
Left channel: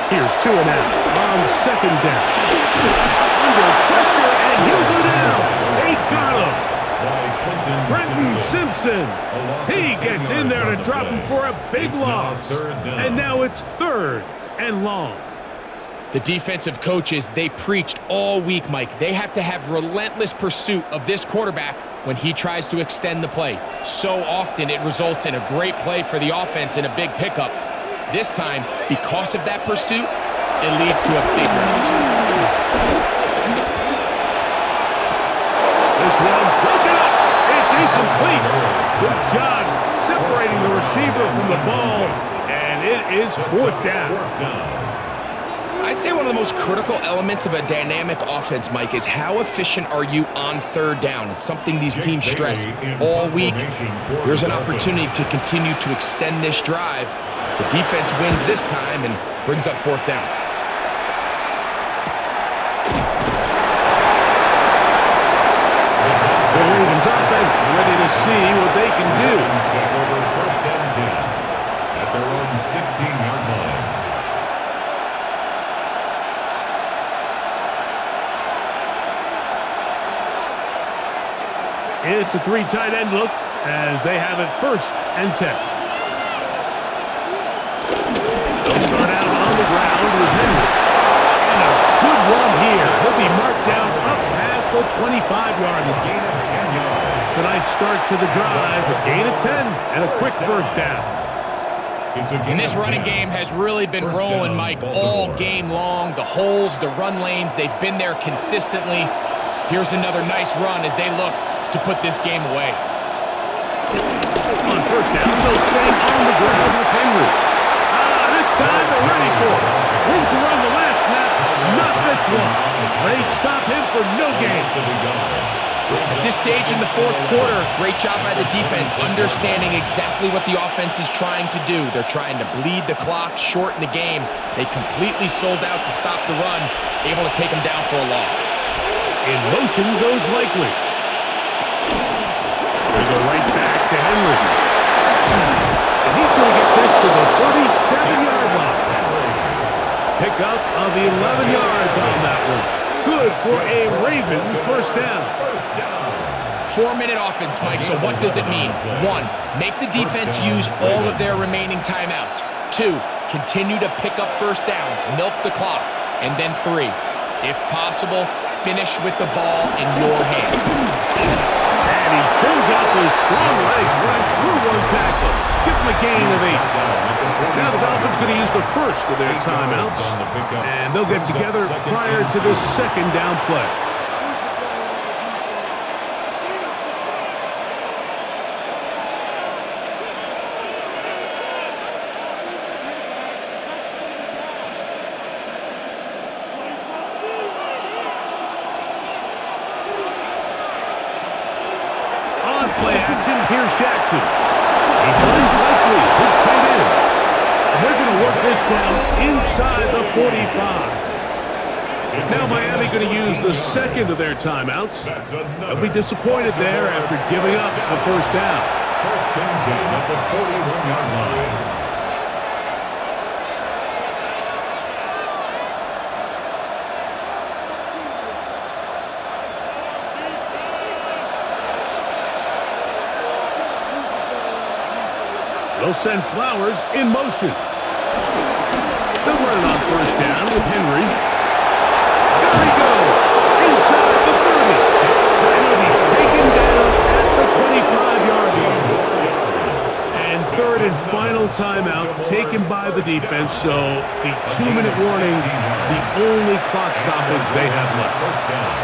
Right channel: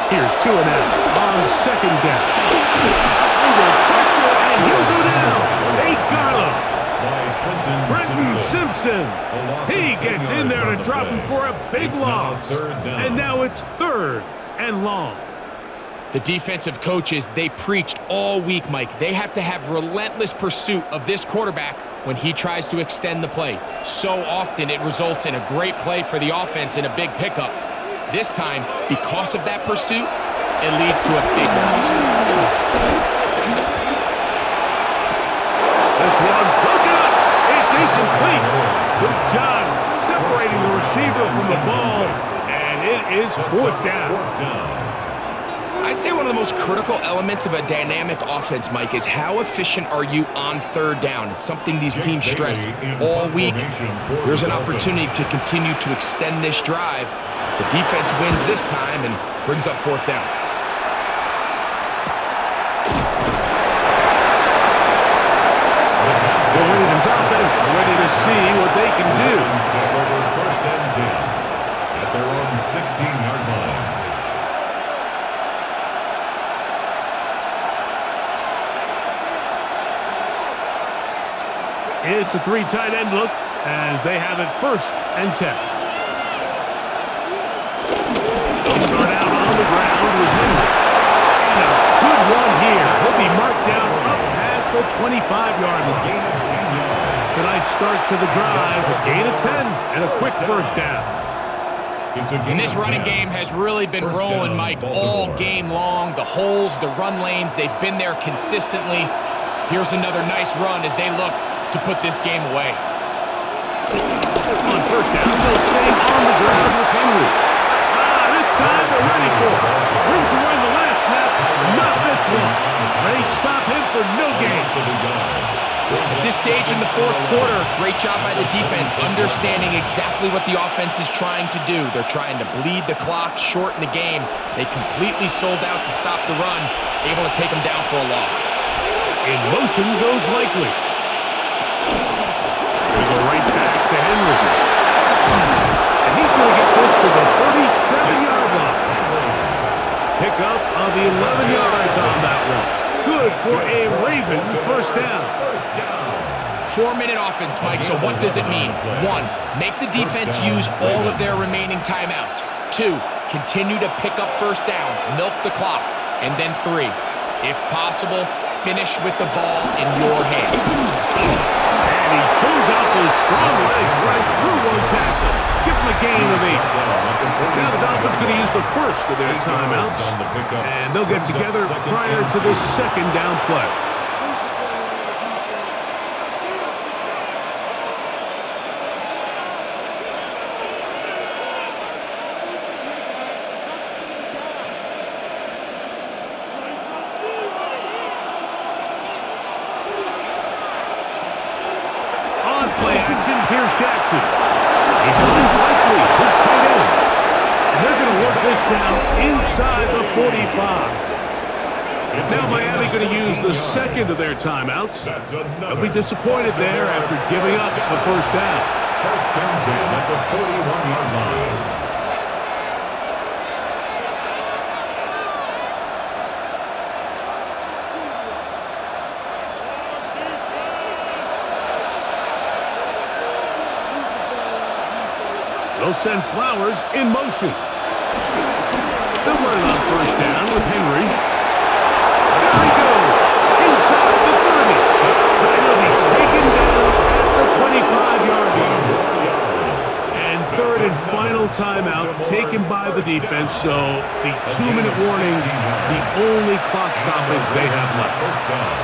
Here's 2-and-out on 2nd down. Under pressure, and he'll go down. They got him. Trenton Simpson. He gets in there to drop him for a big loss. And now it's 3rd and long. The defensive coaches, they preached all week, Mike. They have to have relentless pursuit of this quarterback when he tries to extend the play. So often it results in a great play for the offense and a big pickup. This time, because of that pursuit, it leads to a big loss. This one broken up. It's incomplete. Good job separating the receiver from the ball, and it is 4th down. I'd say one of the most critical elements of a dynamic offense, Mike, is how efficient are you on 3rd down. It's something these teams stress all week. Here's an opportunity to continue to extend this drive. The defense wins this time and brings up 4th down. The Ravens offense ready to see what they can do. Take over 1st and 10 at their own 16-yard line. It's a 3 tight end look as they have it 1st and 10. They'll start out on the ground with Henry. And a good one here. He'll be marked down up past the 25-yard line. Gain of 10 yards. It's a nice start to the drive. A gain of 10 and a quick 1st down. And this running game has really been rolling, Mike, all game long. The holes, the run lanes, they've been there consistently. Here's another nice run as they look to put this game away. first down, they'll stay on the ground with Henry. This time they're ready for it. Room to run the last snap, not this one. They stop him for no gain. At this stage in the fourth quarter, great job by the defense, understanding exactly what the offense is trying to do. They're trying to bleed the clock, shorten the game. They completely sold out to stop the run, able to take them down for a loss. In motion goes Likely. Going to go right back to Henry. And he's going to get this to the 37-yard line. Pickup of 11 yards on that one. Good for a Raven first down. 4-minute offense, Mike, so what does it mean? 1, make the defense use all of their remaining timeouts. 2, continue to pick up first downs, milk the clock. And then 3, if possible, finish with the ball in your hands. And he shows off those strong legs running through one tackle. Give him a gain of 8. Now the Dolphins going to use the first of their timeouts, and they'll get together prior to this second down play. On play action, here's Jackson. He finds Likely, his tight end. And they're going to work this down inside the 45. Now Miami going to use the second of their timeouts. They'll be disappointed there after giving up the first down. First and 10 at the 41-yard line. They'll send Flowers in motion. They'll run it on first down with Henry. There he goes, inside the 30. And he'll be taken down at the 25-yard line. And third and final timeout taken by the defense, so the 2-minute warning, the only clock stoppage they have left. First down.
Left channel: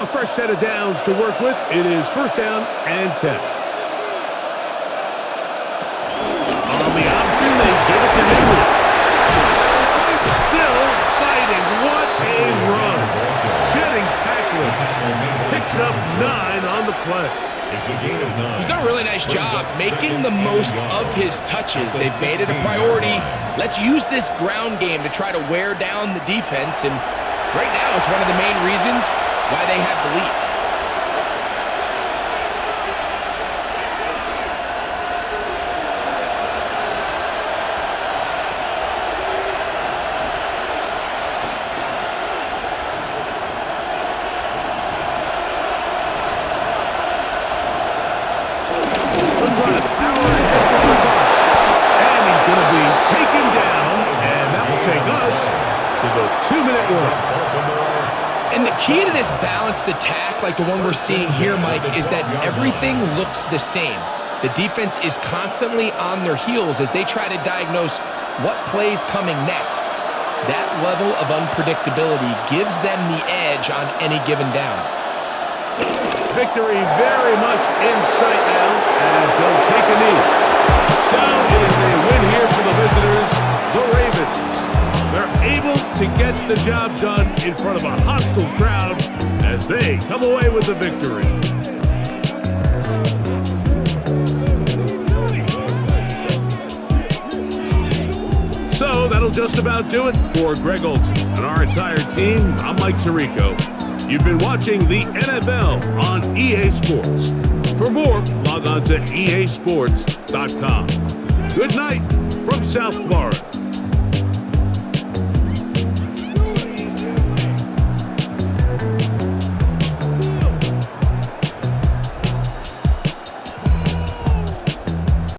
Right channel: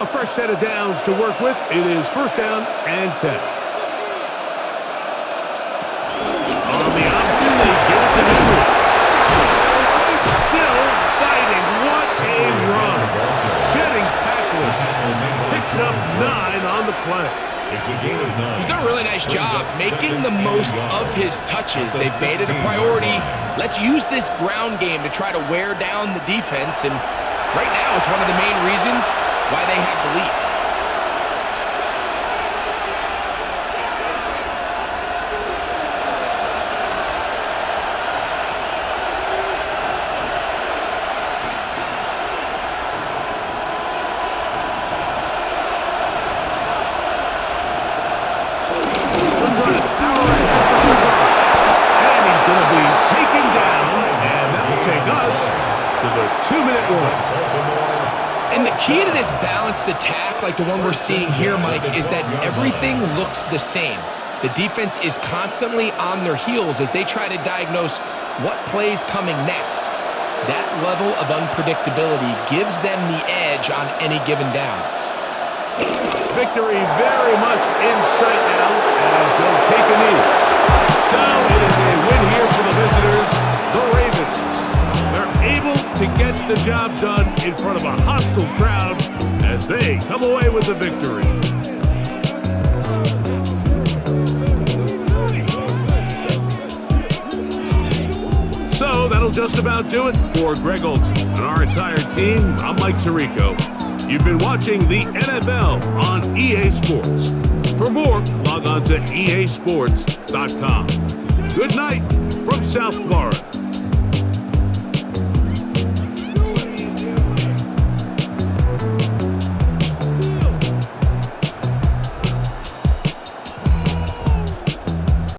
A fresh set of downs to work with. It is first down and 10. On the option, they give it to Henry. Still fighting. What a run. Shedding tacklers. Picks up 9 on the play. It's a gain of 9. He's done a really nice job making the most of his touches. They've made it a priority. Let's use this ground game to try to wear down the defense. And right now, it's one of the main reasons why they have the lead. They'll try to power ahead with the ball. And he's going to be taken down, and that will take us to the 2-minute warning. And the key to this balanced attack, like the one we're seeing here, Mike, is that everything looks the same. The defense is constantly on their heels as they try to diagnose what play's coming next. That level of unpredictability gives them the edge on any given down. Victory very much in sight now as they'll take a knee. So it is a win here for the visitors, the Ravens. They're able to get the job done in front of a hostile crowd as they come away with the victory. So that'll just about do it for Greg Olson and our entire team. I'm Mike Tirico. You've been watching the NFL on EA Sports. For more, log on to easports.com. Good night from South Florida.